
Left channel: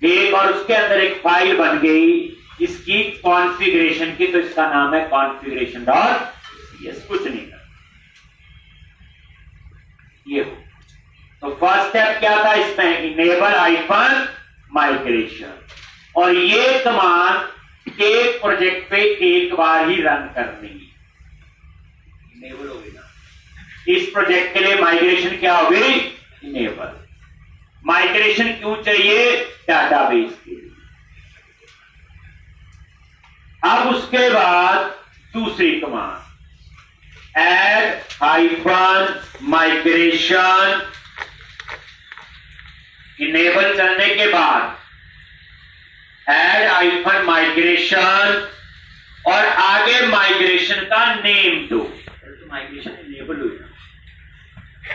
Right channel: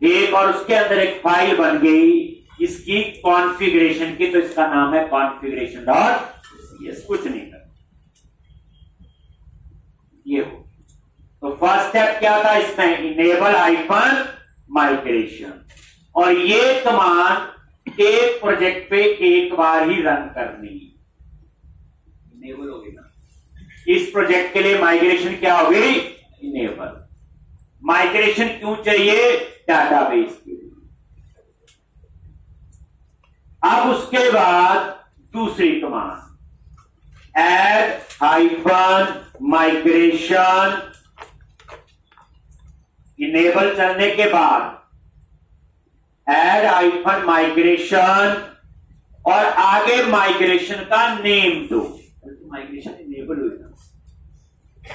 एक, और उसके अंदर एक फाइल बन गई इसकी कॉन्फ़िगरेशन की, तो इसका नाम है कॉन्फ़िगरेशन डॉट सीएस। कुछ नहीं कर ये। तो फर्स्ट स्टेप क्या था इसमें, इनेबल हाइफन माइग्रेशन, और ये कमांड एक प्रोजेक्ट पे एक बार ही रन करनी है। इनेबल हो गई ना, इस प्रोजेक्ट के लिए माइग्रेशन क्या हो गई, इनेबल। माइग्रेशन क्यों चाहिए, डाटाबेस के लिए। अब उसके बाद दूसरी command, add hyphen migration, enable करने के बाद एड हाइफन माइग्रेशन और आगे माइग्रेशन का नेम दो। तो माइग्रेशन इनेबल हुई,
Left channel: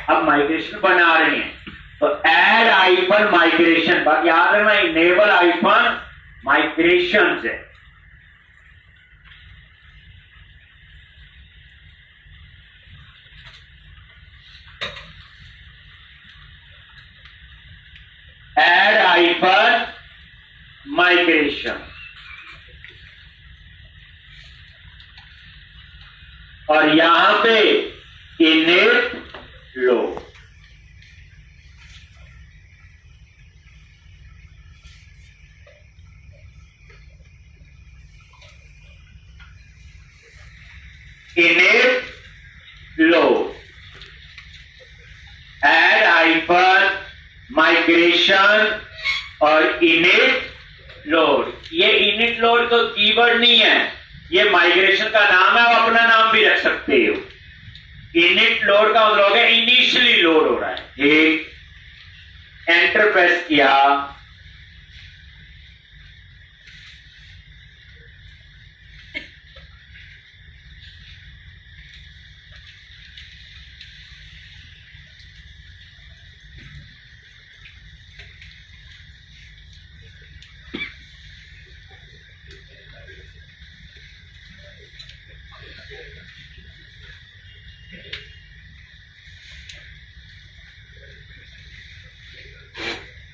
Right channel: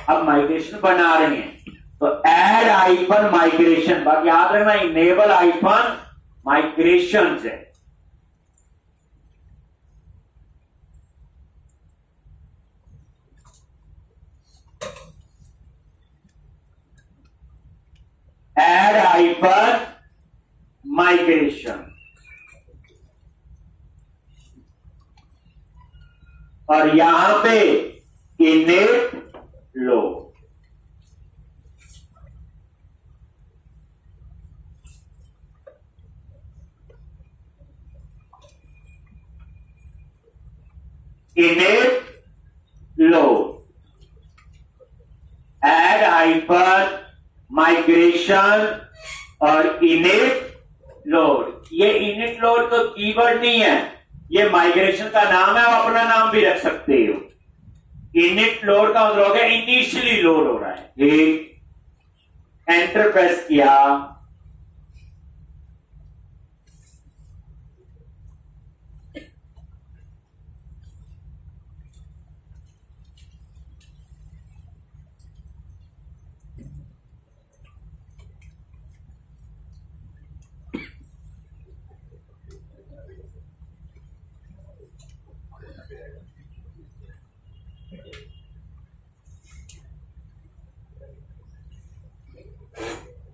अब माइग्रेशन बना रहे हैं तो एड हाइफन माइग्रेशन, बात याद रखना इनेबल हाइफन माइग्रेशन से एड हाइफन माइग्रेशन और यहां पे इनिट लो। इनिट लो एड हाइफन माइग्रेशन और इनिट लोड। ये इनिट लोड तो कीवर्ड नहीं है, ये माइग्रेशन का नाम है, आप अपना नाम भी रख सकते हो। इनिट लोड का मतलब हो गया इनिशियली लोड हो रहा है। ठीक, एंटर प्रेस किया,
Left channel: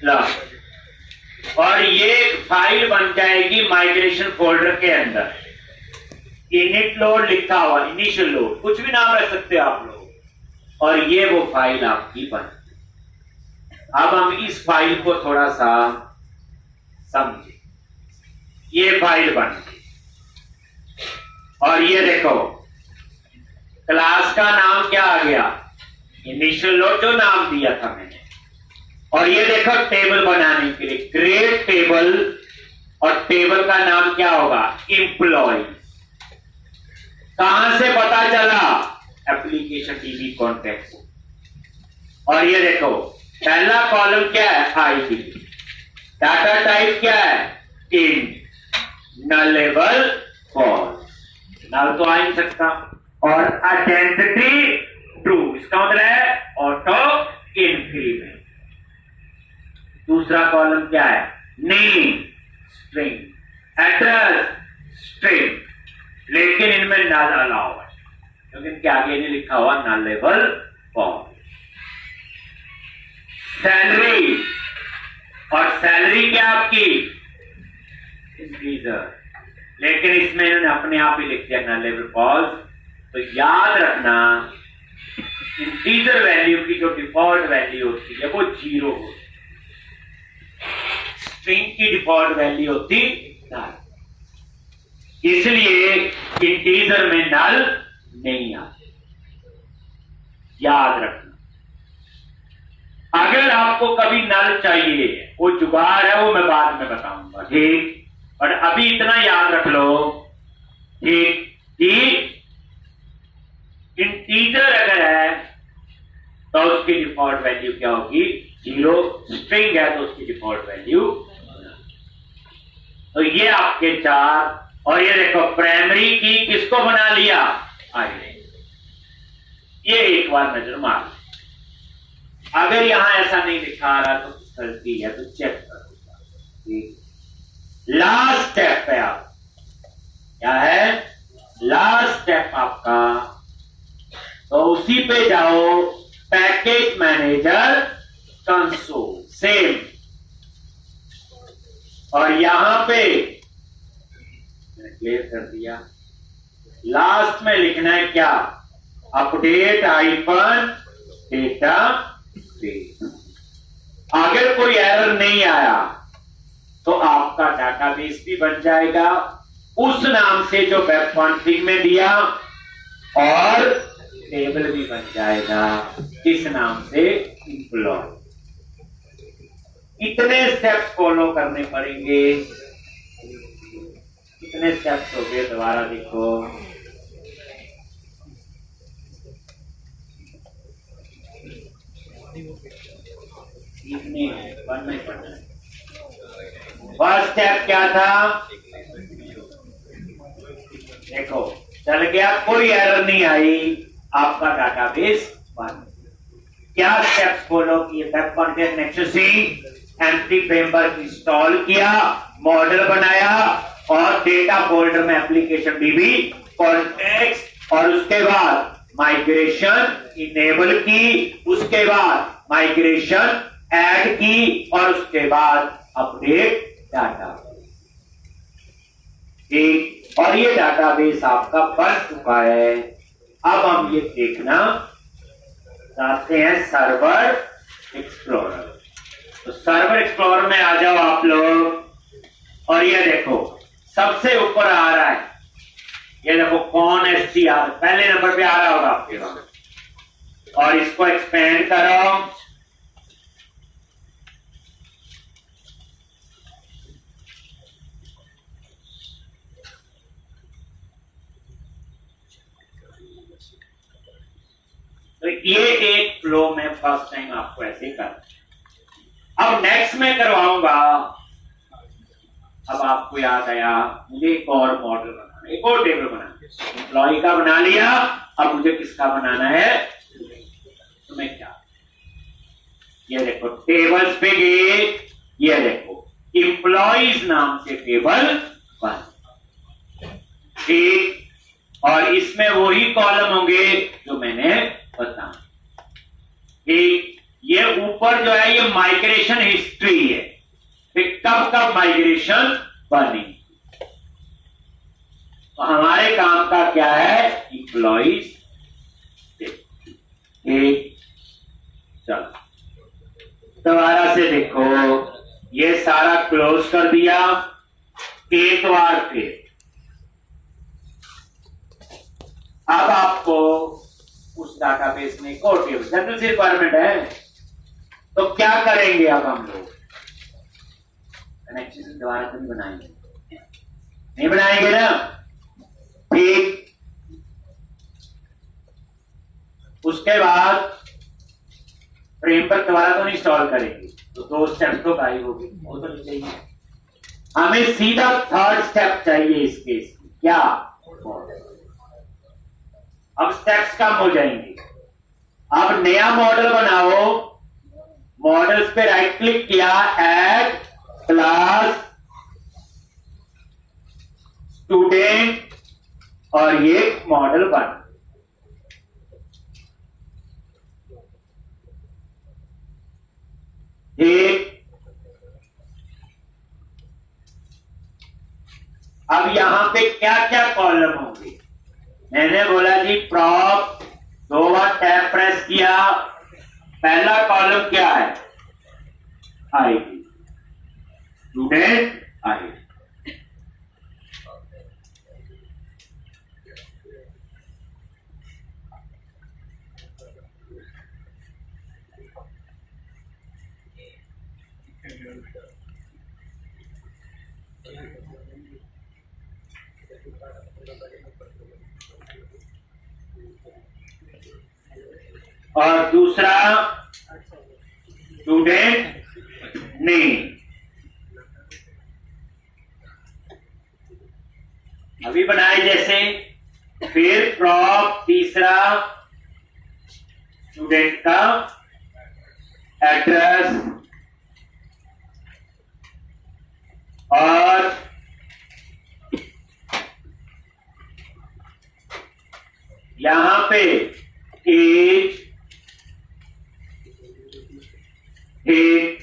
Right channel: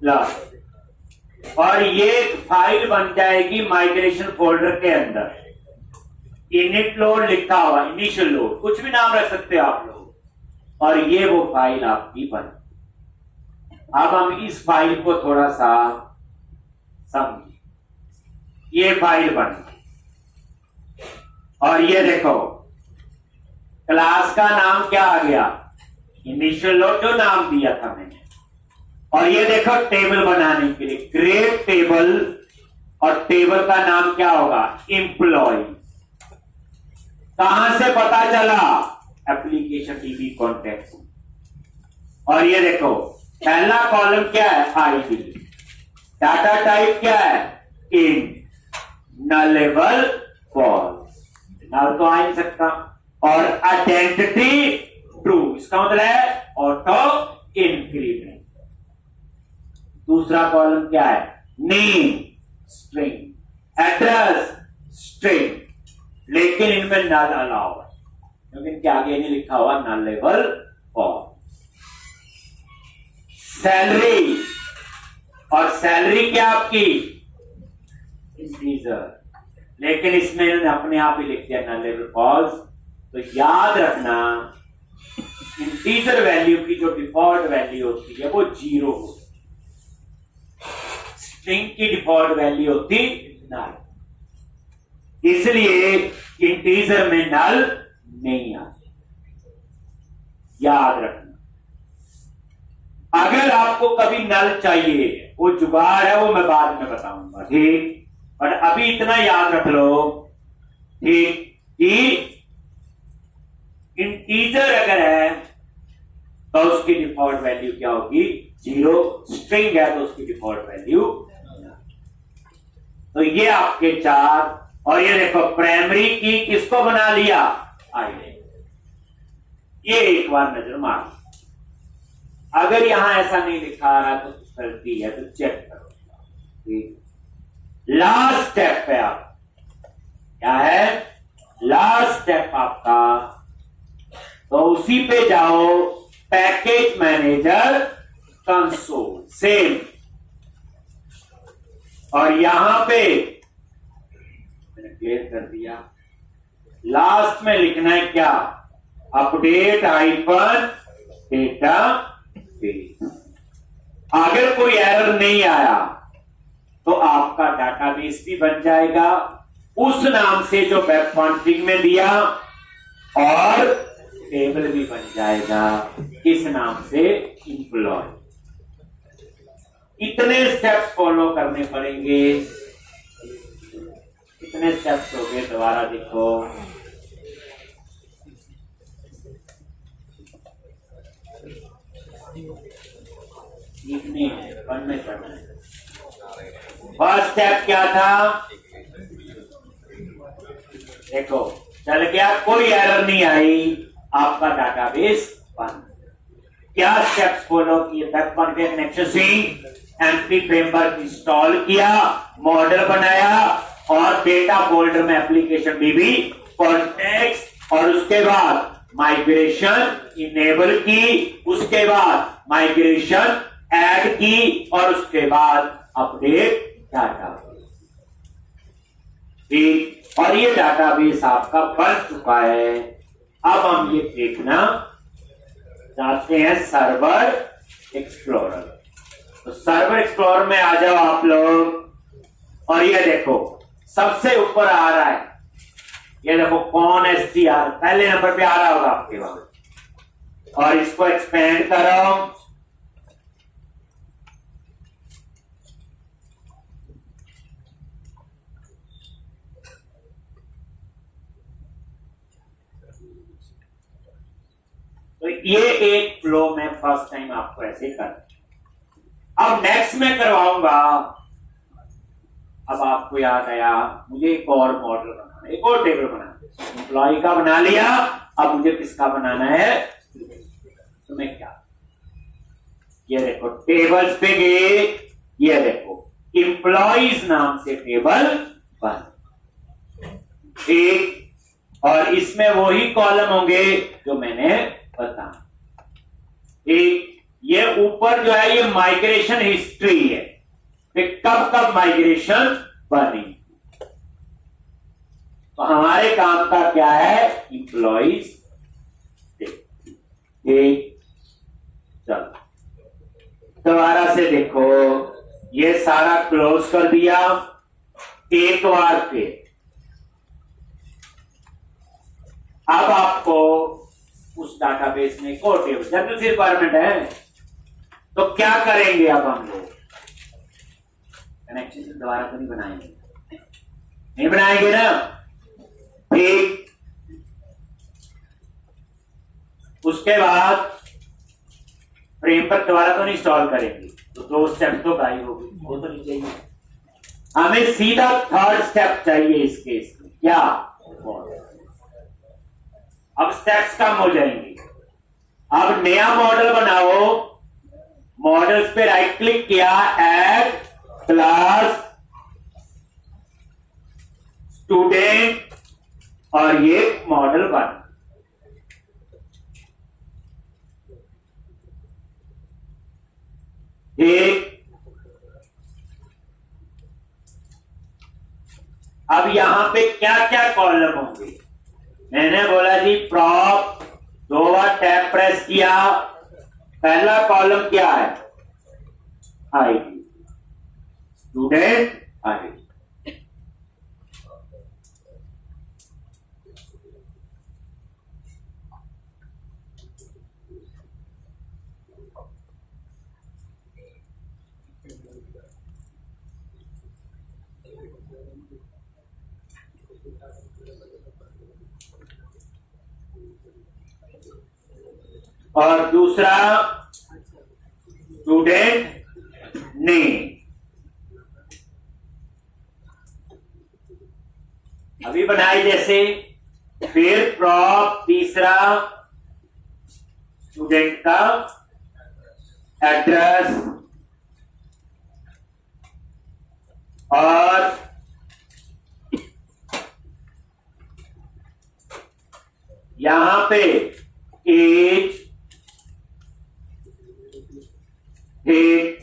ला, और ये एक फाइल बन जाएगी माइग्रेशन फोल्डर के अंदर। इनिट लोड लिखा हुआ, इनिशियल लोड, कुछ भी नाम रख सकते हो आप लोग, और ये वो फाइल आपकी बन। अब हम इस फाइल को थोड़ा सा समझे। ये फाइल बन गई और ये देखो क्लास का नाम क्या आ गया, इनिशियल लोड जो नाम दिया था मैंने। और ये देखो टेबल बनाने के लिए क्रिएट टेबल, और टेबल का नाम क्या होगा, एम्प्लॉय। कहां से पता चला, एप्लीकेशन डीबी कॉन्टेक्स्ट। और ये देखो पहला कॉलम क्या है, आईडी, डाटा टाइप क्या है, इंट, नलेबल फॉल्स, नल तो आ नहीं सकता, और आइडेंटिटी ट्रू, इसका मतलब है ऑटो इंक्रीमेंट। दूसरा कॉलम क्या है, नेम स्ट्रिंग, एड्रेस स्ट्रिंग, लेकिन इनमें नल अलाउ है क्योंकि इनके आगे नहीं लिखा हुआ नलेबल फॉल्स। सैलरी, और सैलरी क्या आपकी, इंटीजर, लेकिन इसमें इन्होंने अपने आप ही लिख दिया नलेबल फॉल्स। तो याद रखना इंटीजर वैल्यू की जो डिफॉल्ट वैल्यू होती है वो 0 होती है, स्ट्रिंग की डिफॉल्ट वैल्यू होती नल, इसलिए इंटीजर में नल नहीं आती, याद रखना। अगर आपको कभी नल चाहिए, वो जुगाड़ है, वो मैं बाद में बताऊंगा, ठीक। और अभी इतना याद रख लो, ठीक, कि इंटीजर अगर है तो उसकी डिफॉल्ट वैल्यू क्या होगी, 0, स्ट्रिंग है तो उसकी डिफॉल्ट वैल्यू। तो ये आपके 4, और ये देखो प्राइमरी की किसको बना लिया, आईडी। ये एक बार नजर मार, अगर यहां ऐसा नहीं दिखा रहा तो गलती है, तो चेक करो। ठीक, लास्ट स्टेप पे आप क्या है, लास्ट स्टेप आपका, तो उसी पे जाओ, पैकेज मैनेजर कंसोल, सेम, और यहां पे मैंने क्लियर कर दिया। लास्ट में लिखना है क्या, अपडेट हाइफन डेटा बेस। अगर कोई एरर नहीं आया तो आपका डाटाबेस भी बन जाएगा उस नाम से जो वेब कॉन्फ़िग में दिया, और टेबल भी बन जाएगा किस नाम से, एम्प्लॉय। इतने स्टेप्स फॉलो करने पड़ेंगे। कितने स्टेप्स हो गए, दोबारा देखो, वन में पढ़ना है। फर्स्ट स्टेप क्या था, देखो चल गया, कोई एरर नहीं आई, आपका डाटाबेस बन। क्या स्टेप्स फॉलो किए, web contact nexus MP framework install किया, मॉडल बनाया और डेटा फोल्डर में एप्लीकेशन डीबी कॉन्टेक्स्ट, और उसके बाद माइग्रेशन इनेबल की, उसके बाद माइग्रेशन ऐड की, और उसके बाद अपडेट डाटा। ठीक, और ये डाटाबेस आपका बन चुका है। अब हम ये देखना चाहते हैं सर्वर एक्सप्लोरर। तो सर्वर एक्सप्लोरर में आ जाओ आप लोग, और ये देखो सबसे ऊपर आ रहा है, ये देखो कौन एसटीआर पहले नंबर पे आ रहा होगा आपके पास, और इसको एक्सपेंड करो। तो ये एक फ्लो में फर्स्ट टाइम आपको ऐसे कर। अब नेक्स्ट में करवाऊंगा, अब आपको याद आया मुझे एक और मॉडल बनाना, एक और टेबल बनाना। एम्प्लॉय का बना लिया, अब मुझे किसका बनाना है, तुम्हें क्या, ये देखो टेबल्स पे गए, ये देखो एम्प्लॉइज नाम से टेबल बन। ठीक, और इसमें वही कॉलम होंगे जो मैंने बताया। ठीक, ये ऊपर जो है ये माइग्रेशन हिस्ट्री है, कब कब माइग्रेशन बनी। तो हमारे काम का क्या है, एम्प्लॉइज। ठीक, चलो दोबारा से देखो, ये सारा क्लोज कर दिया, एक बार फिर। अब आपको उस डाटाबेस में एक और टेबल, जनरल सी रिक्वायरमेंट है, तो क्या करेंगे अब हम लोग, कनेक्शन दोबारा तो नहीं बनाएंगे, नहीं बनाएंगे ना। ठीक, उसके बाद फ्रेम पर दोबारा तो नहीं इंस्टॉल करेंगे, तो दो स्टेप तो गायब होगी, वो तो नहीं चाहिए। हमें सीधा थर्ड स्टेप चाहिए इस केस में, क्या, अब स्टेप्स कम हो जाएंगे। अब नया मॉडल बनाओ, मॉडल्स पे राइट क्लिक किया, ऐड क्लास स्टूडेंट, और ये मॉडल बन। ठीक, अब यहां पे क्या क्या कॉलम होंगे, मैंने बोला जी प्रॉप, दो बार टैब प्रेस किया, पहला कॉलम क्या है, आईडी, स्टूडेंट आईडी। और दूसरा स्टूडेंट नेम, अभी बनाए जैसे। फिर प्रॉप, तीसरा स्टूडेंट का एड्रेस, और यहां पे एज। ठीक,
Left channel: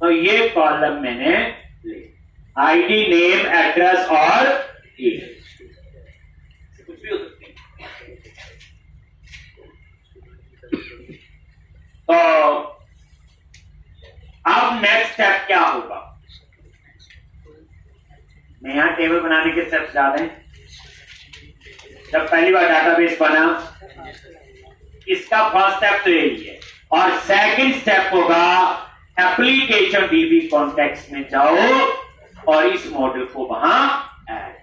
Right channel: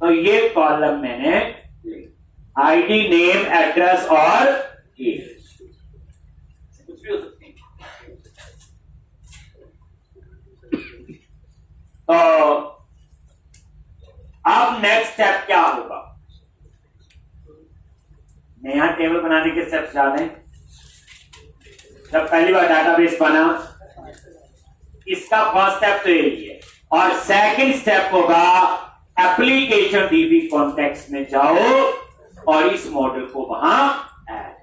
तो ये कॉलम मैंने ले, आईडी, नेम, एड्रेस और एज, कुछ भी हो सकती है। तो अब नेक्स्ट स्टेप क्या होगा, नया टेबल बनाने के स्टेप्स याद हैं, जब पहली बार डाटाबेस बना, इसका फर्स्ट स्टेप तो यही है, और सेकंड स्टेप होगा एप्लीकेशन डीबी कॉन्टेक्स्ट में जाओ और इस मॉडल को वहां ऐड।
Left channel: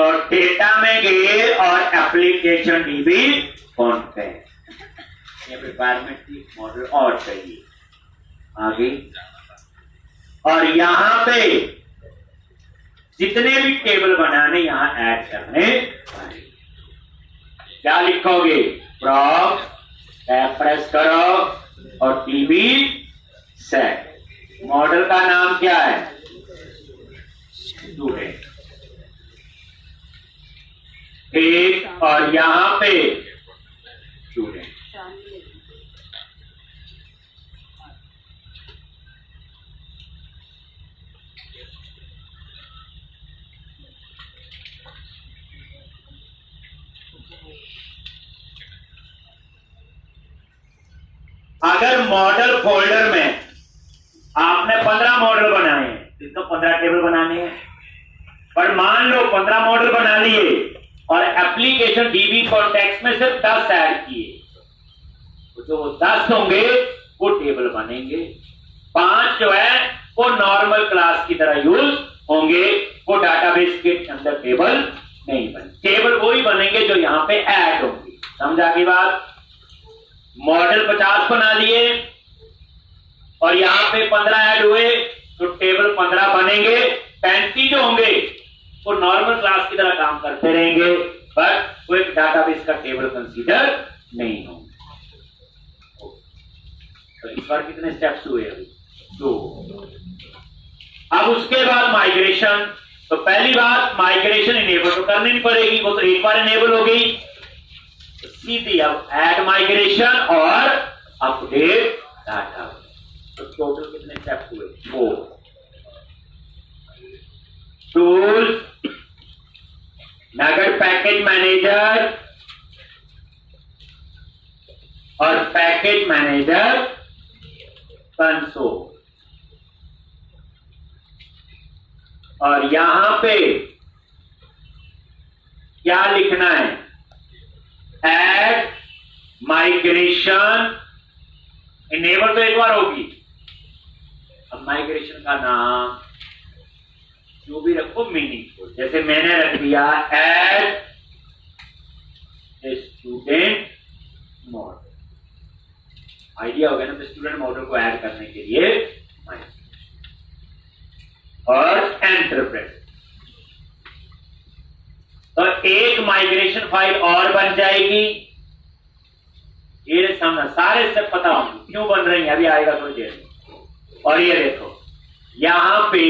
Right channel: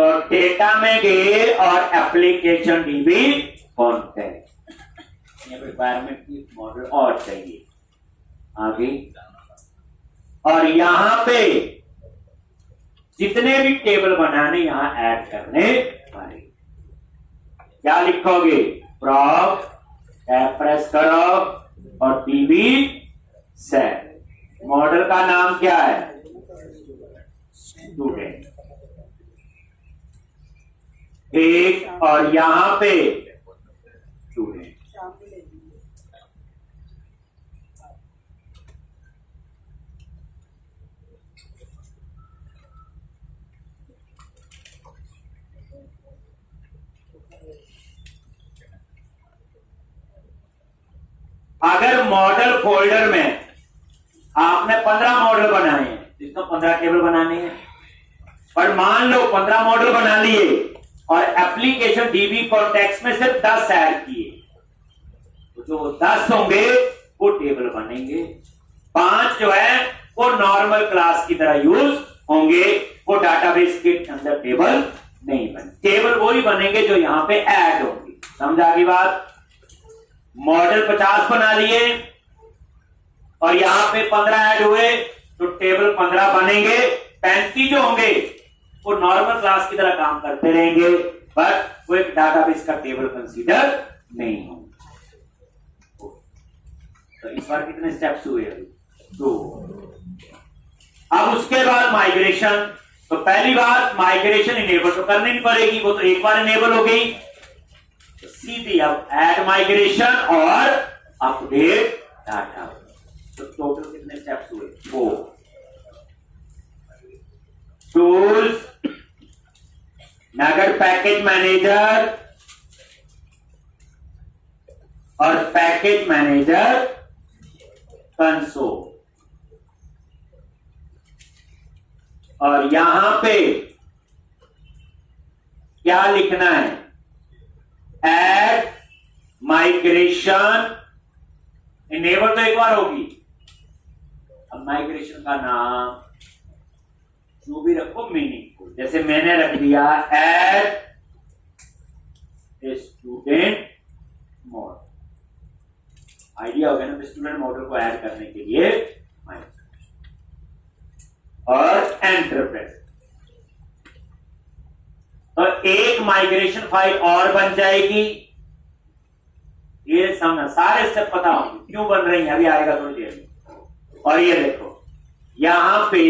तो डेटा में गए और एप्लीकेशन डीबी कॉन्टेक्ट, ये रिक्वायरमेंट थी, मॉडल और चाहिए आगे। और यहां पे जितने भी टेबल बनाने यहां ऐड करने वाले, क्या लिखोगे, प्रॉप टैब प्रेस करो और डीबी सेट। मॉडल का नाम क्या है, स्टूडेंट। एक और यहां पे स्टूडेंट। अगर मॉडल फोल्डर में आपने 15 मॉडल बनाए हैं, इसको 15 टेबल बनाने हैं, पर मान लो 15 मॉडल बना लिए और एप्लीकेशन डीबी कॉन्टेक्स्ट में सिर्फ 10 ऐड किए, तो जो 10 होंगे वो टेबल बनेंगे, 5 जो है वो नॉर्मल क्लास की तरह यूज होंगे, वो डाटाबेस के अंदर टेबल नहीं बने। टेबल वही बनेंगे जो यहां पे ऐड होंगे। समझा की बात। मॉडल 50 बना लिए और यहां पे 15 ऐड हुए तो टेबल 15 बनेंगे। 35 जो होंगे वो नॉर्मल क्लास की तरह काम करते रहेंगे, पर वो एक डाटाबेस का टेबल कंसीडर नहीं होंगे। तो इस बार कितने स्टेप्स हुए अभी, 2। अब उसके बाद माइग्रेशन। तो पहली बात, माइग्रेशन इनेबल तो करनी नहीं पड़ेगी, वो तो एक बार इनेबल हो गई। सीधी अब ऐड माइग्रेशन और अपडेट डाटा। तो टोटल कितने स्टेप्स हुए, 4। टूल्स, नगद पैकेज मैनेजर और पैकेज मैनेजर कंसोल। और यहां पे क्या लिखना है, ऐड माइग्रेशन इनेबल तो एक बार होगी। अब माइग्रेशन का नाम जो भी रखो मीनिंगफुल, जैसे मैंने रख दिया ऐड स्टूडेंट मॉडल। आइडिया हो गया ना, स्टूडेंट मॉडल को ऐड करने के लिए और एंटरप्रेस। तो एक माइग्रेशन फाइल और बन जाएगी। ये समझना, सारे स्टेप पता होंगे क्यों बन रही है, अभी आएगा थोड़ी देर में। और ये देखो यहां पे,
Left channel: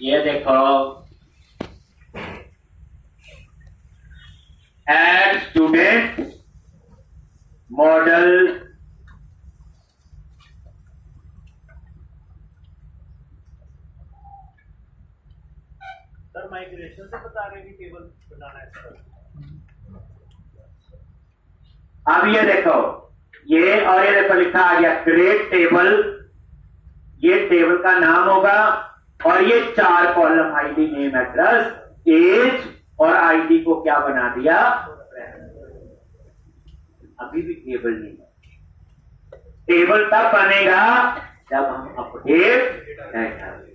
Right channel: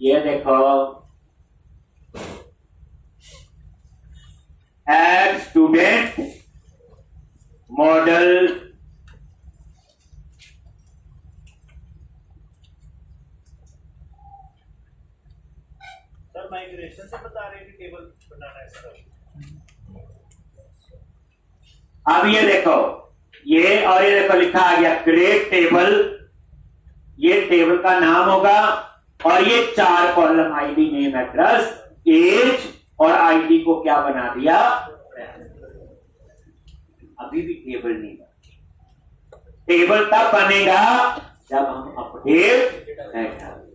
ये देखो add student model, sir migration से बता रहे हैं कि टेबल बनाना है सर। अब ये देखो, ये और ये देखो लिखा आ गया क्रिएट टेबल। ये टेबल का नाम होगा और ये 4 column, ID, name, address, age और आईडी को क्या बना दिया, अभी भी टेबल नहीं बना। टेबल तब बनेगा जब हम अपडेट करेंगे।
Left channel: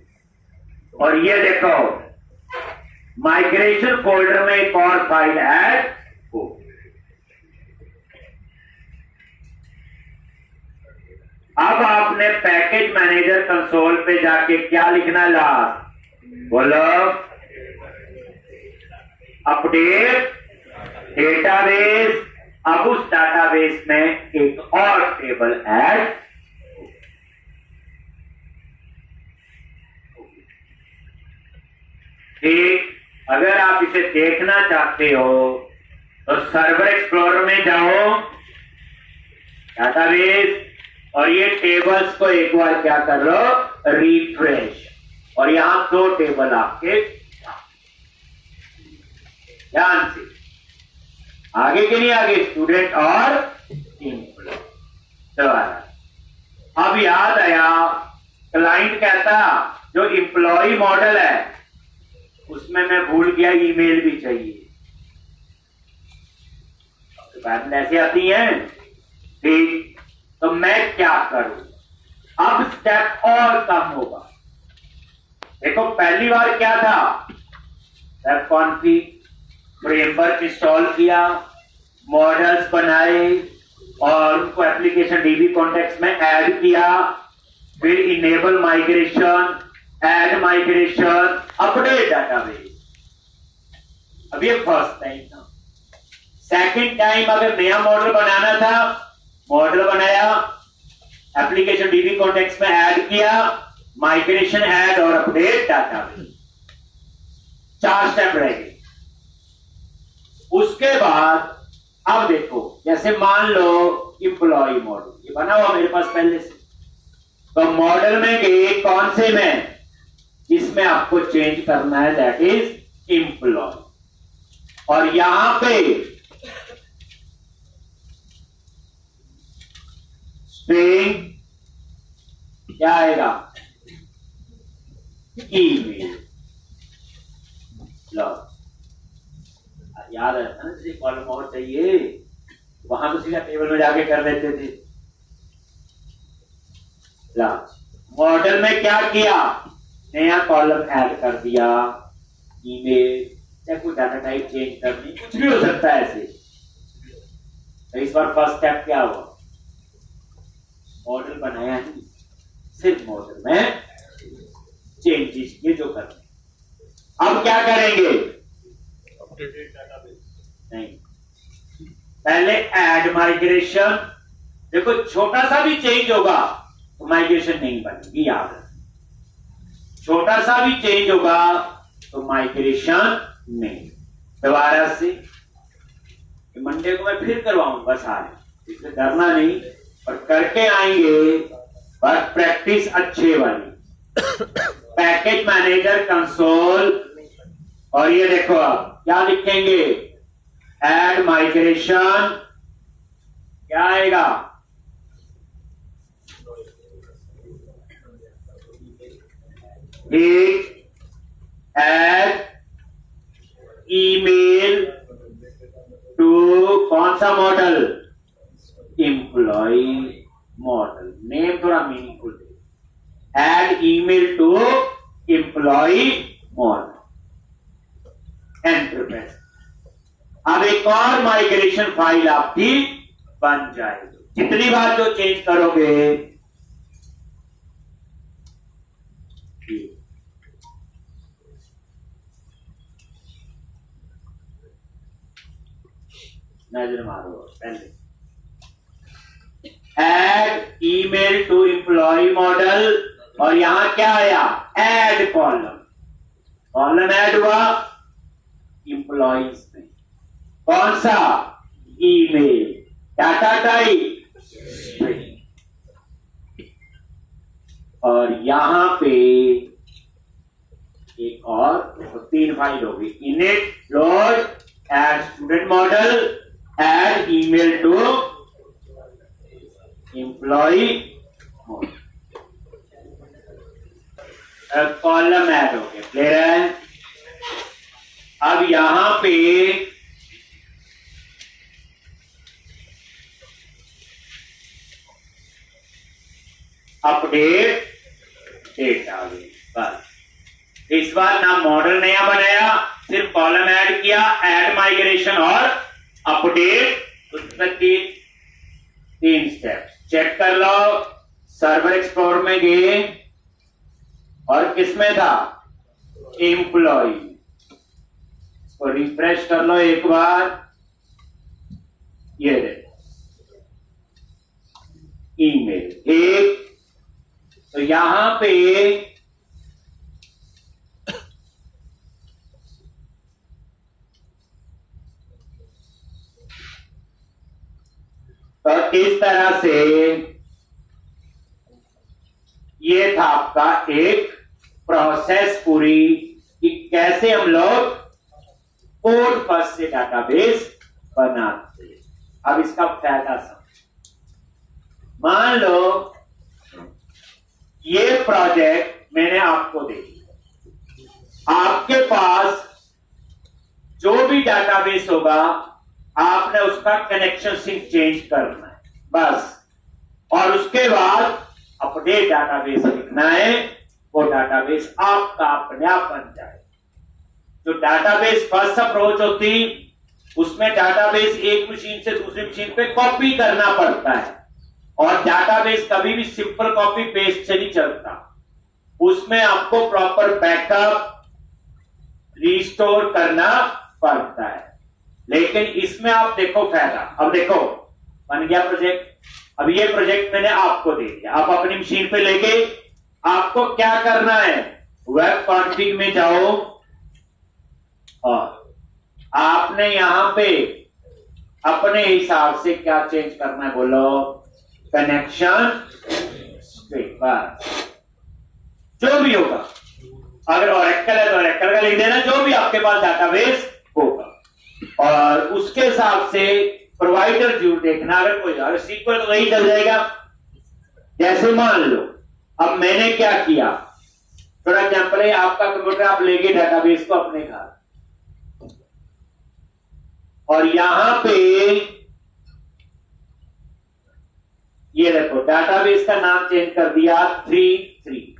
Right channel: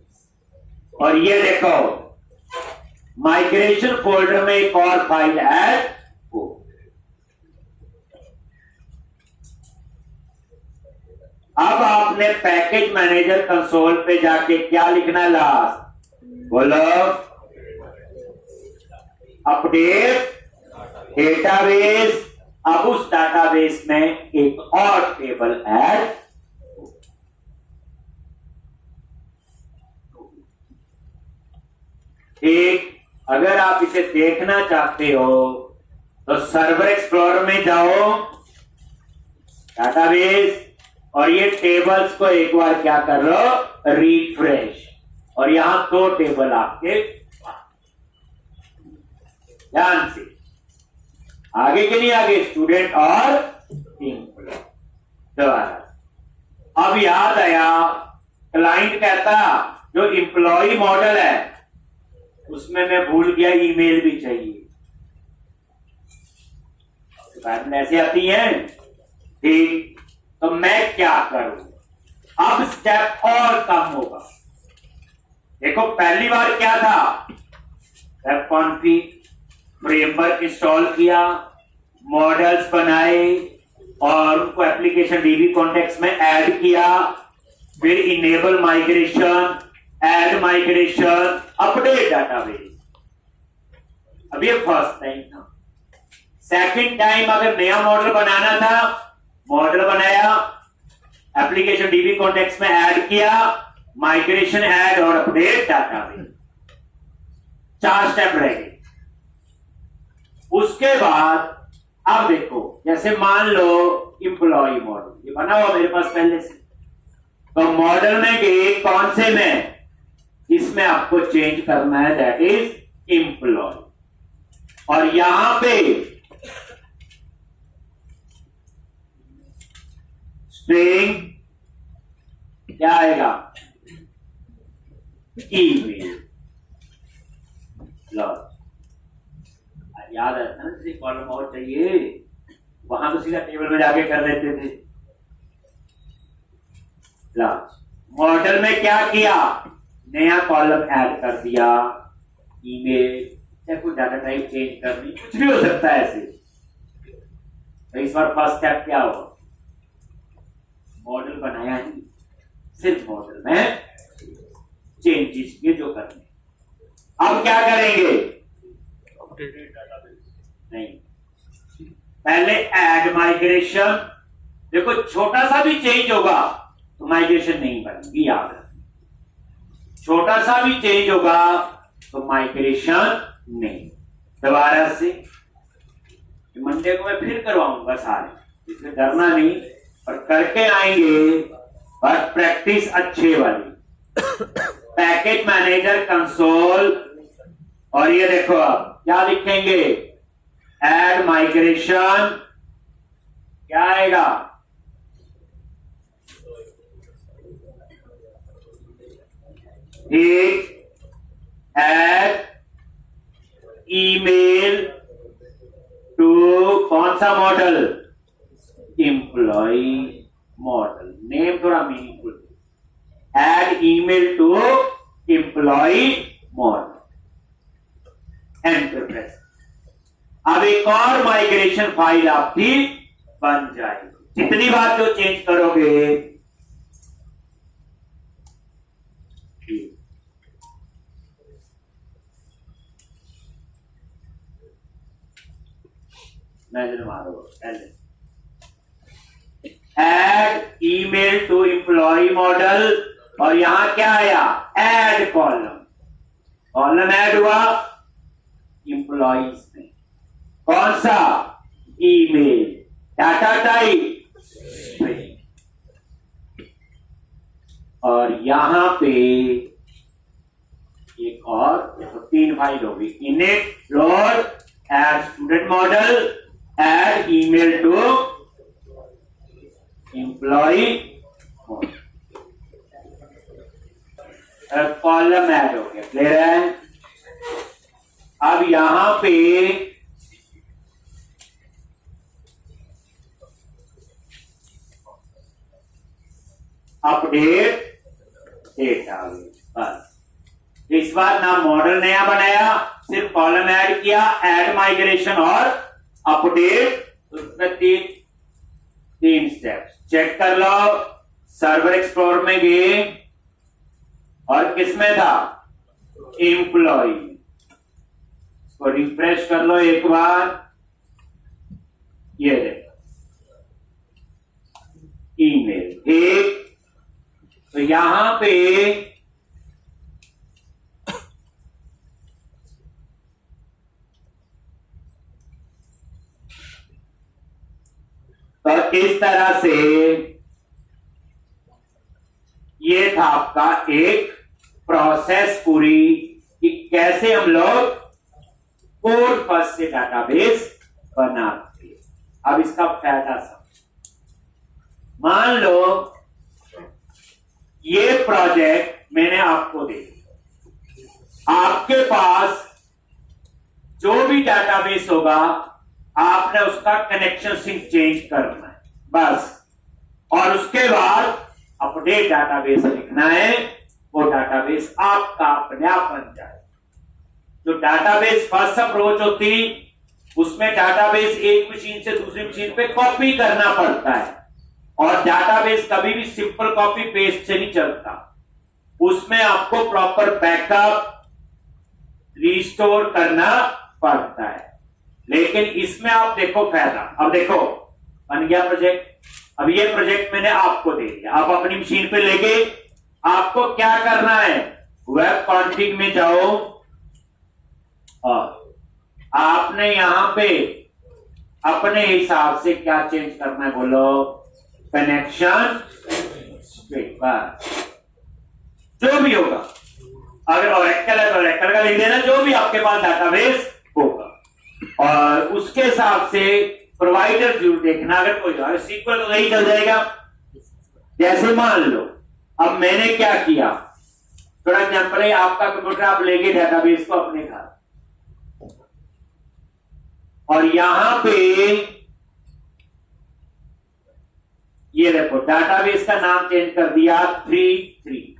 और ये देखो माइग्रेशन फोल्डर में एक और फाइल ऐड हो। अब आपने पैकेज मैनेजर कंसोल पे जाके क्या लिखना, लास्ट बोलो, अपडेट डेटाबेस। अब उस डेटाबेस में एक और टेबल ऐड। ठीक, अगर आप इसे देखना चाहते हो तो सर्वर एक्सप्लोरर में जाओ, डेटाबेस, और ये टेबल्स को एक बार क्या कर लो, रिफ्रेश। और यहां 2 टेबल आपके, ध्यान से आगे के लिए आगे, स्टूडेंट और एम्प्लॉय। दोबारा अब याद आया, क्लाइंट कहता जो एम्प्लॉय मॉडल है उसमें मैं भूल गया ईमेल भी चाहिए, बात ऐसे आती है। ठीक, तो मैं क्या करूं, अब स्टेप और कम होगा। देखो पहली बार क्या था, वेब कॉन्फ़िग, फ्रेमवर्क इंस्टॉल किया, मॉडल्स बनाए और उनको एप्लीकेशन डीबी कॉन्टेक्स्ट में ऐड किया, फिर enable migration, add migration, update database. अब ये फर्स्ट टाइम था। सेकंड टाइम अगर नया मॉडल बनाना था, मॉडल बनाया, एप्लीकेशन डीबी कॉन्टेक्स्ट में ऐड किया, माइग्रेशन, ऐड और अपडेट डाटाबेस। 4 स्टेप रह गए। उसके बाद अब देखो, जैसे मान लो इंप्लॉय मॉडल ये बना हुआ मेरे पास पहले से, तो मॉडल में गए, कौन से में, इसमें आपको चेंज करना है, दैट इज इंप्लॉय। और यहां पे स्ट्रिंग क्या आएगा, ईमेल। लो याद है ना, जैसे कॉलम और चाहिए वहां तो सीधा टेबल में जाके कर देते थे। मॉडल में क्या किया, नया कॉलम ऐड कर दिया, ईमेल, या कोई डाटा टाइप चेंज करनी, कुछ भी हो सकता है ऐसे। तो इस बार फर्स्ट स्टेप क्या हुआ, मॉडल बनाया नहीं, सिर्फ मॉडल में चेंजेस किए जो करने। अब क्या करेंगे, अपडेटेड डाटाबेस नहीं, पहले ऐड माइग्रेशन। देखो छोटा सा भी चेंज होगा तो माइग्रेशन नहीं बनेगी, याद रखना। छोटा सा भी चेंज होगा तो माइग्रेशन नहीं। दोबारा से मंडे को मैं फिर करवाऊंगा सारे, इसमें डरना नहीं, और करके आएंगे, बस प्रैक्टिस अच्छे वाली। पैकेज मैनेजर कंसोल, और ये देखो आप क्या लिखेंगे, ऐड माइग्रेशन, क्या आएगा, एक ऐड ईमेल टू कौन सा मॉडल, एम्प्लॉय मॉडल। नेम थोड़ा meaningful, add email to employee model, enter press. अब एक और माइग्रेशन फाइल आपकी बन जाएगी। जितनी बार जो चेंज करोगे, नजर मारो पहले, add email to employee model, और यहां क्या आया, ऐड कॉलम। कॉलम ऐड हुआ एम्प्लॉइज में, कौन सा, ईमेल, डाटा टाइप, और यहां पे एक और, तो 3 फाइल होगी, init, load, add student model, add email to employee model. Column add हो गया, क्लियर है। अब यहां पे अपडेट डेट आ गई, बस। इस बार ना मॉडल नया बनाया, सिर्फ कॉलम ऐड किया, ऐड माइग्रेशन और अपडेट, उसमें 3 स्टेप्स। चेक कर लो, सर्वर एक्सप्लोरर में गए और किसमें था, एम्प्लॉय। इसको रिफ्रेश कर लो एक बार, ये देखो ईमेल एक, तो यहां पे तो इस तरह से ये था आपका एक प्रोसेस पूरी, कि कैसे हम लोग कोड फर्स्ट से डाटाबेस बनाते हैं। अब इसका फायदा समझो, मान लो ये प्रोजेक्ट मैंने आपको दे दिया, आपके पास जो भी डाटाबेस होगा आपने उसका कनेक्शन सिंक चेंज करना है, बस। और उसके बाद अपडेट डाटाबेस लिखना है, वो डाटाबेस आपका अपने आप बन जाए। जो डाटाबेस फर्स्ट अप्रोच होती, उसमें डाटाबेस एक मशीन से दूसरी मशीन पे कॉपी करना पड़ता है, और डाटाबेस कभी भी सिंपल कॉपी पेस्ट से नहीं चलता, उसमें आपको प्रॉपर बैकअप रिस्टोर करना पड़ता है। लेकिन इसमें आप देखो फायदा, अब देखो बन गया प्रोजेक्ट। अब ये प्रोजेक्ट मैंने आपको दे दिया, आप अपनी मशीन पे लेके आपको क्या करना है, वेब कॉन्फ़िग में जाओ और आपने यहां पे अपने हिसाब से क्या चेंज करना है, बोलो कनेक्शन स्ट्रिंग, जो भी होगा। अगर ओरेकल है तो ओरेकल का लिख देना, जो भी आपके पास डाटाबेस होगा, और उसके हिसाब से प्रोवाइडर जरूर देखना। अगर कोई अगर सीक्वल तो वही चल जाएगा। जैसे मान लो अब मैंने क्या किया, थोड़ा एग्जांपल है, आपका कंप्यूटर आप लेके डाटाबेस को अपने घर, और यहां पे ये देखो डाटाबेस का नाम चेंज कर दिया 33।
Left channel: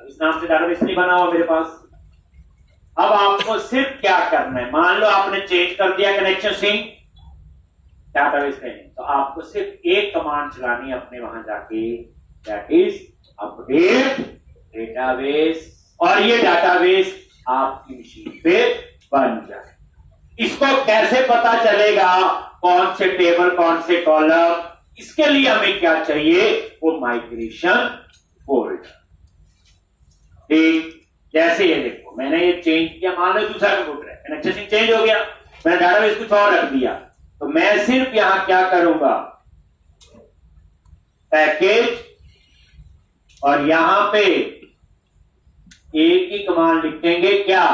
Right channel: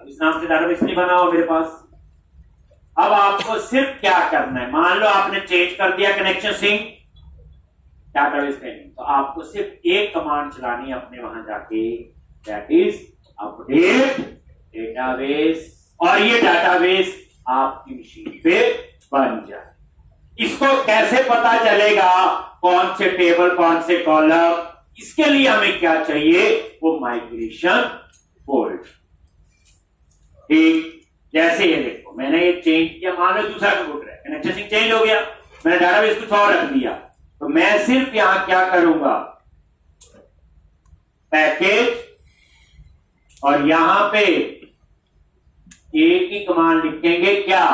अब इस नाम से डाटाबेस नहीं बना हुआ मेरे पास। अब आपको सिर्फ क्या करना है, मान लो आपने चेंज कर दिया कनेक्शन स्ट्रिंग डाटाबेस पे, तो आपको सिर्फ एक कमांड चलानी है अपने वहां जाके, दैट इज अपडेट डेटाबेस, और ये डाटाबेस आपकी मशीन पे बन जाए। इसको कैसे पता चलेगा कौन से टेबल कौन से कॉलम, इसके लिए हमें क्या चाहिए, वो माइग्रेशन फोल्डर। ठीक, जैसे ये देखो मैंने ये चेंज किया, मान लो दूसरा कंप्यूटर है, कनेक्शन चेंज हो गया, मैंने डाटाबेस कुछ और रख दिया, तो मैं सिर्फ यहां क्या करूंगा, पैकेज, और यहां पे एक ही कमांड लिखेंगे, क्या,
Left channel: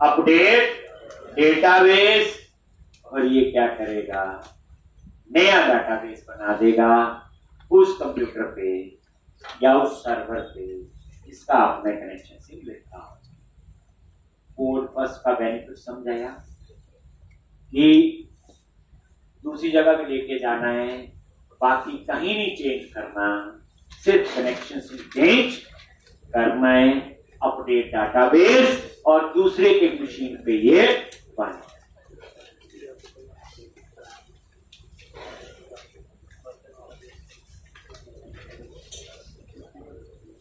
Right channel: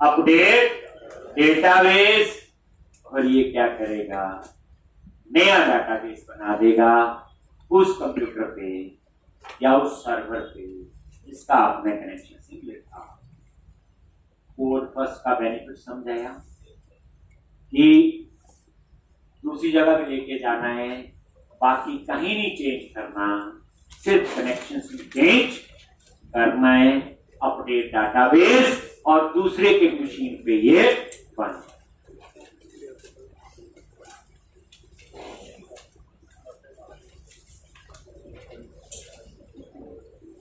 अपडेट डेटाबेस, और ये क्या करेगा, नया डाटाबेस बना देगा उस कंप्यूटर पे या उस सर्वर पे जिसका आपने कनेक्शन से लिखा। कोड फर्स्ट का बेनिफिट समझाया कि दूसरी जगह पे लेके जाना है, बाकी कहीं नहीं चेंज करना, सिर्फ कनेक्शन से चेंज करना है, अपडेट डाटाबेस, और दूसरे के मशीन पे ये बन।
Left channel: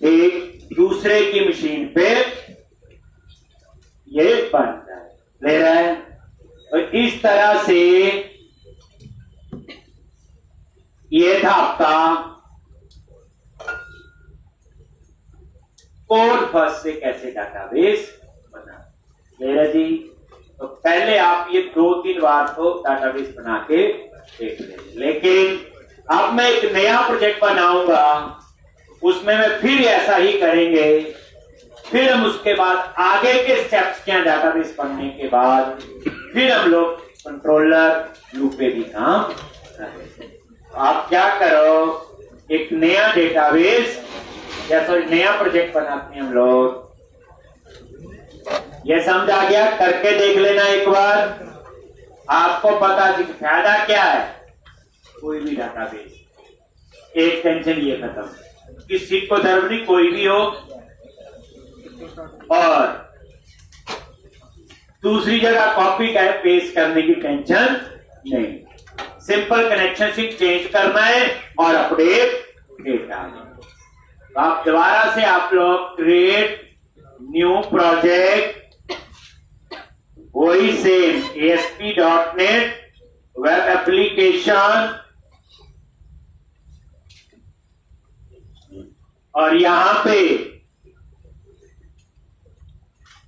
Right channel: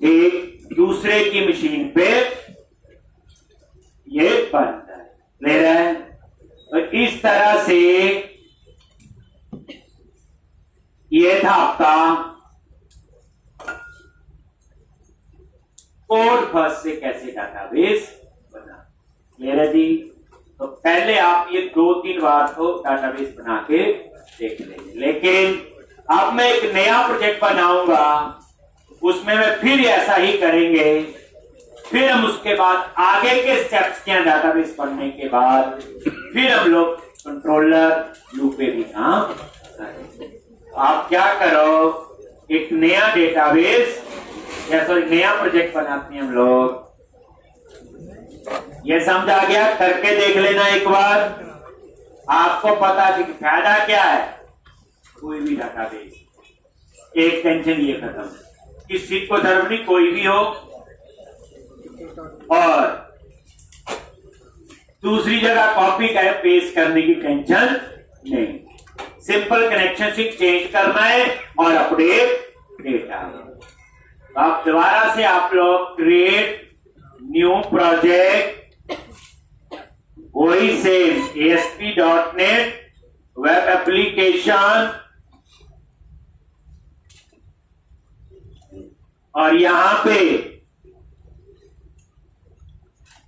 एक दूसरे की मशीन पे ये बन जाए, ले रहा है। तो इस तरह से ये था आपका कोड फर्स्ट से कैसे डाटाबेस बना, ले रहा जी। तो पहले आप ये 2-3 बार तो डाटाबेस बना के देख लेंगे, लेकिन अब मैं एक नया प्रोजेक्ट बनाऊंगा, उसमें मैं फिर ऐसा ही करेंगे, फिर हम उसके बाद आगे के स्टेप्स क्या, डाटाबेस पढ़ने के बाद फिर हम लोग कंट्रोलर व्यू पे भी काम करेंगे। आप क्या करो, एक नया डेटाबेस या सॉरी नया प्रोजेक्ट बनाते हैं हम लोग, ये समझ आ गया, करके देख लेना एक बार, आपको पता कि फायदा क्या है। कोई भी डाटाबेस, एक टेंशन ये खत्म, किसी को जरूरत नहीं, कोई भी हो, और दूसरी जगह कॉपी का पेस्ट करने की टेंशन नहीं, सिंपल कनेक्शन से चेंज करना है और अपडेट डेटा। तो आप दोबारा से आप लोग क्रिएट न्यू प्रोजेक्ट, वही सेम ASP.NET वेब एप्लीकेशन, और यहां पे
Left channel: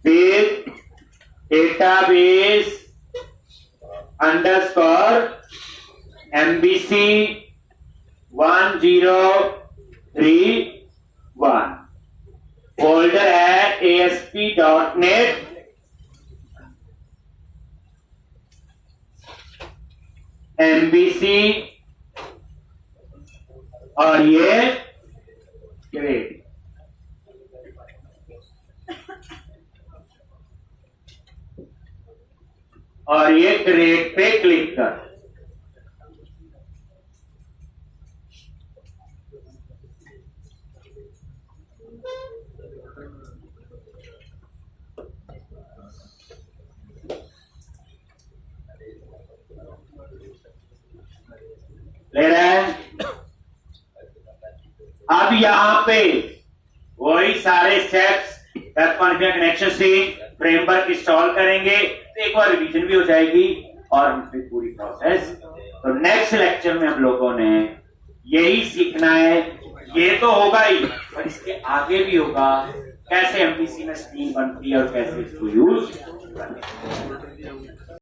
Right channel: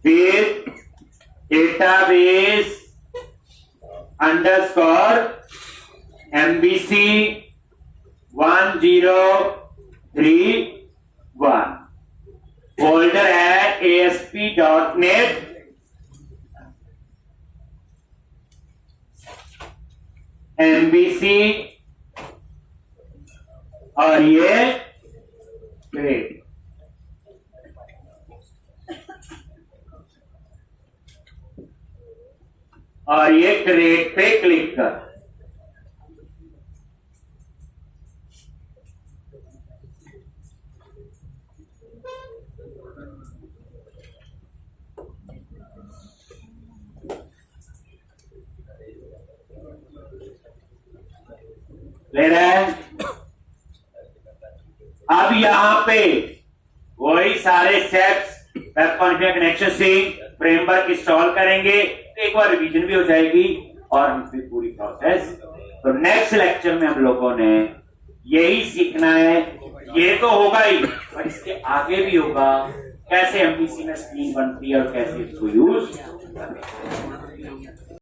फिर डेटाबेस अंडरस्कोर MVC 1031 फोल्डर है ASP.NET MVC, और ये ग्रेड, और ये क्रिएट पे क्लिक कर। ले रहे हैं। अब यहां पे वही सारे स्टेप्स वेब कॉन्फ़िगर कनेक्शन से फ्रेमवर्क इंस्टॉल करेंगे तो एक बार रिवीजन भी हो जाएगी और हम फिर पूरी प्रोसेस। तो नेक्स्ट लेक्चर में हम लोगों ने यही सीखना है। ये तो होगा ही पर इसके आगे भी होगा कैसे एमपीसी में स्क्रीन बनती है और कैसे इसको यूज करते हैं।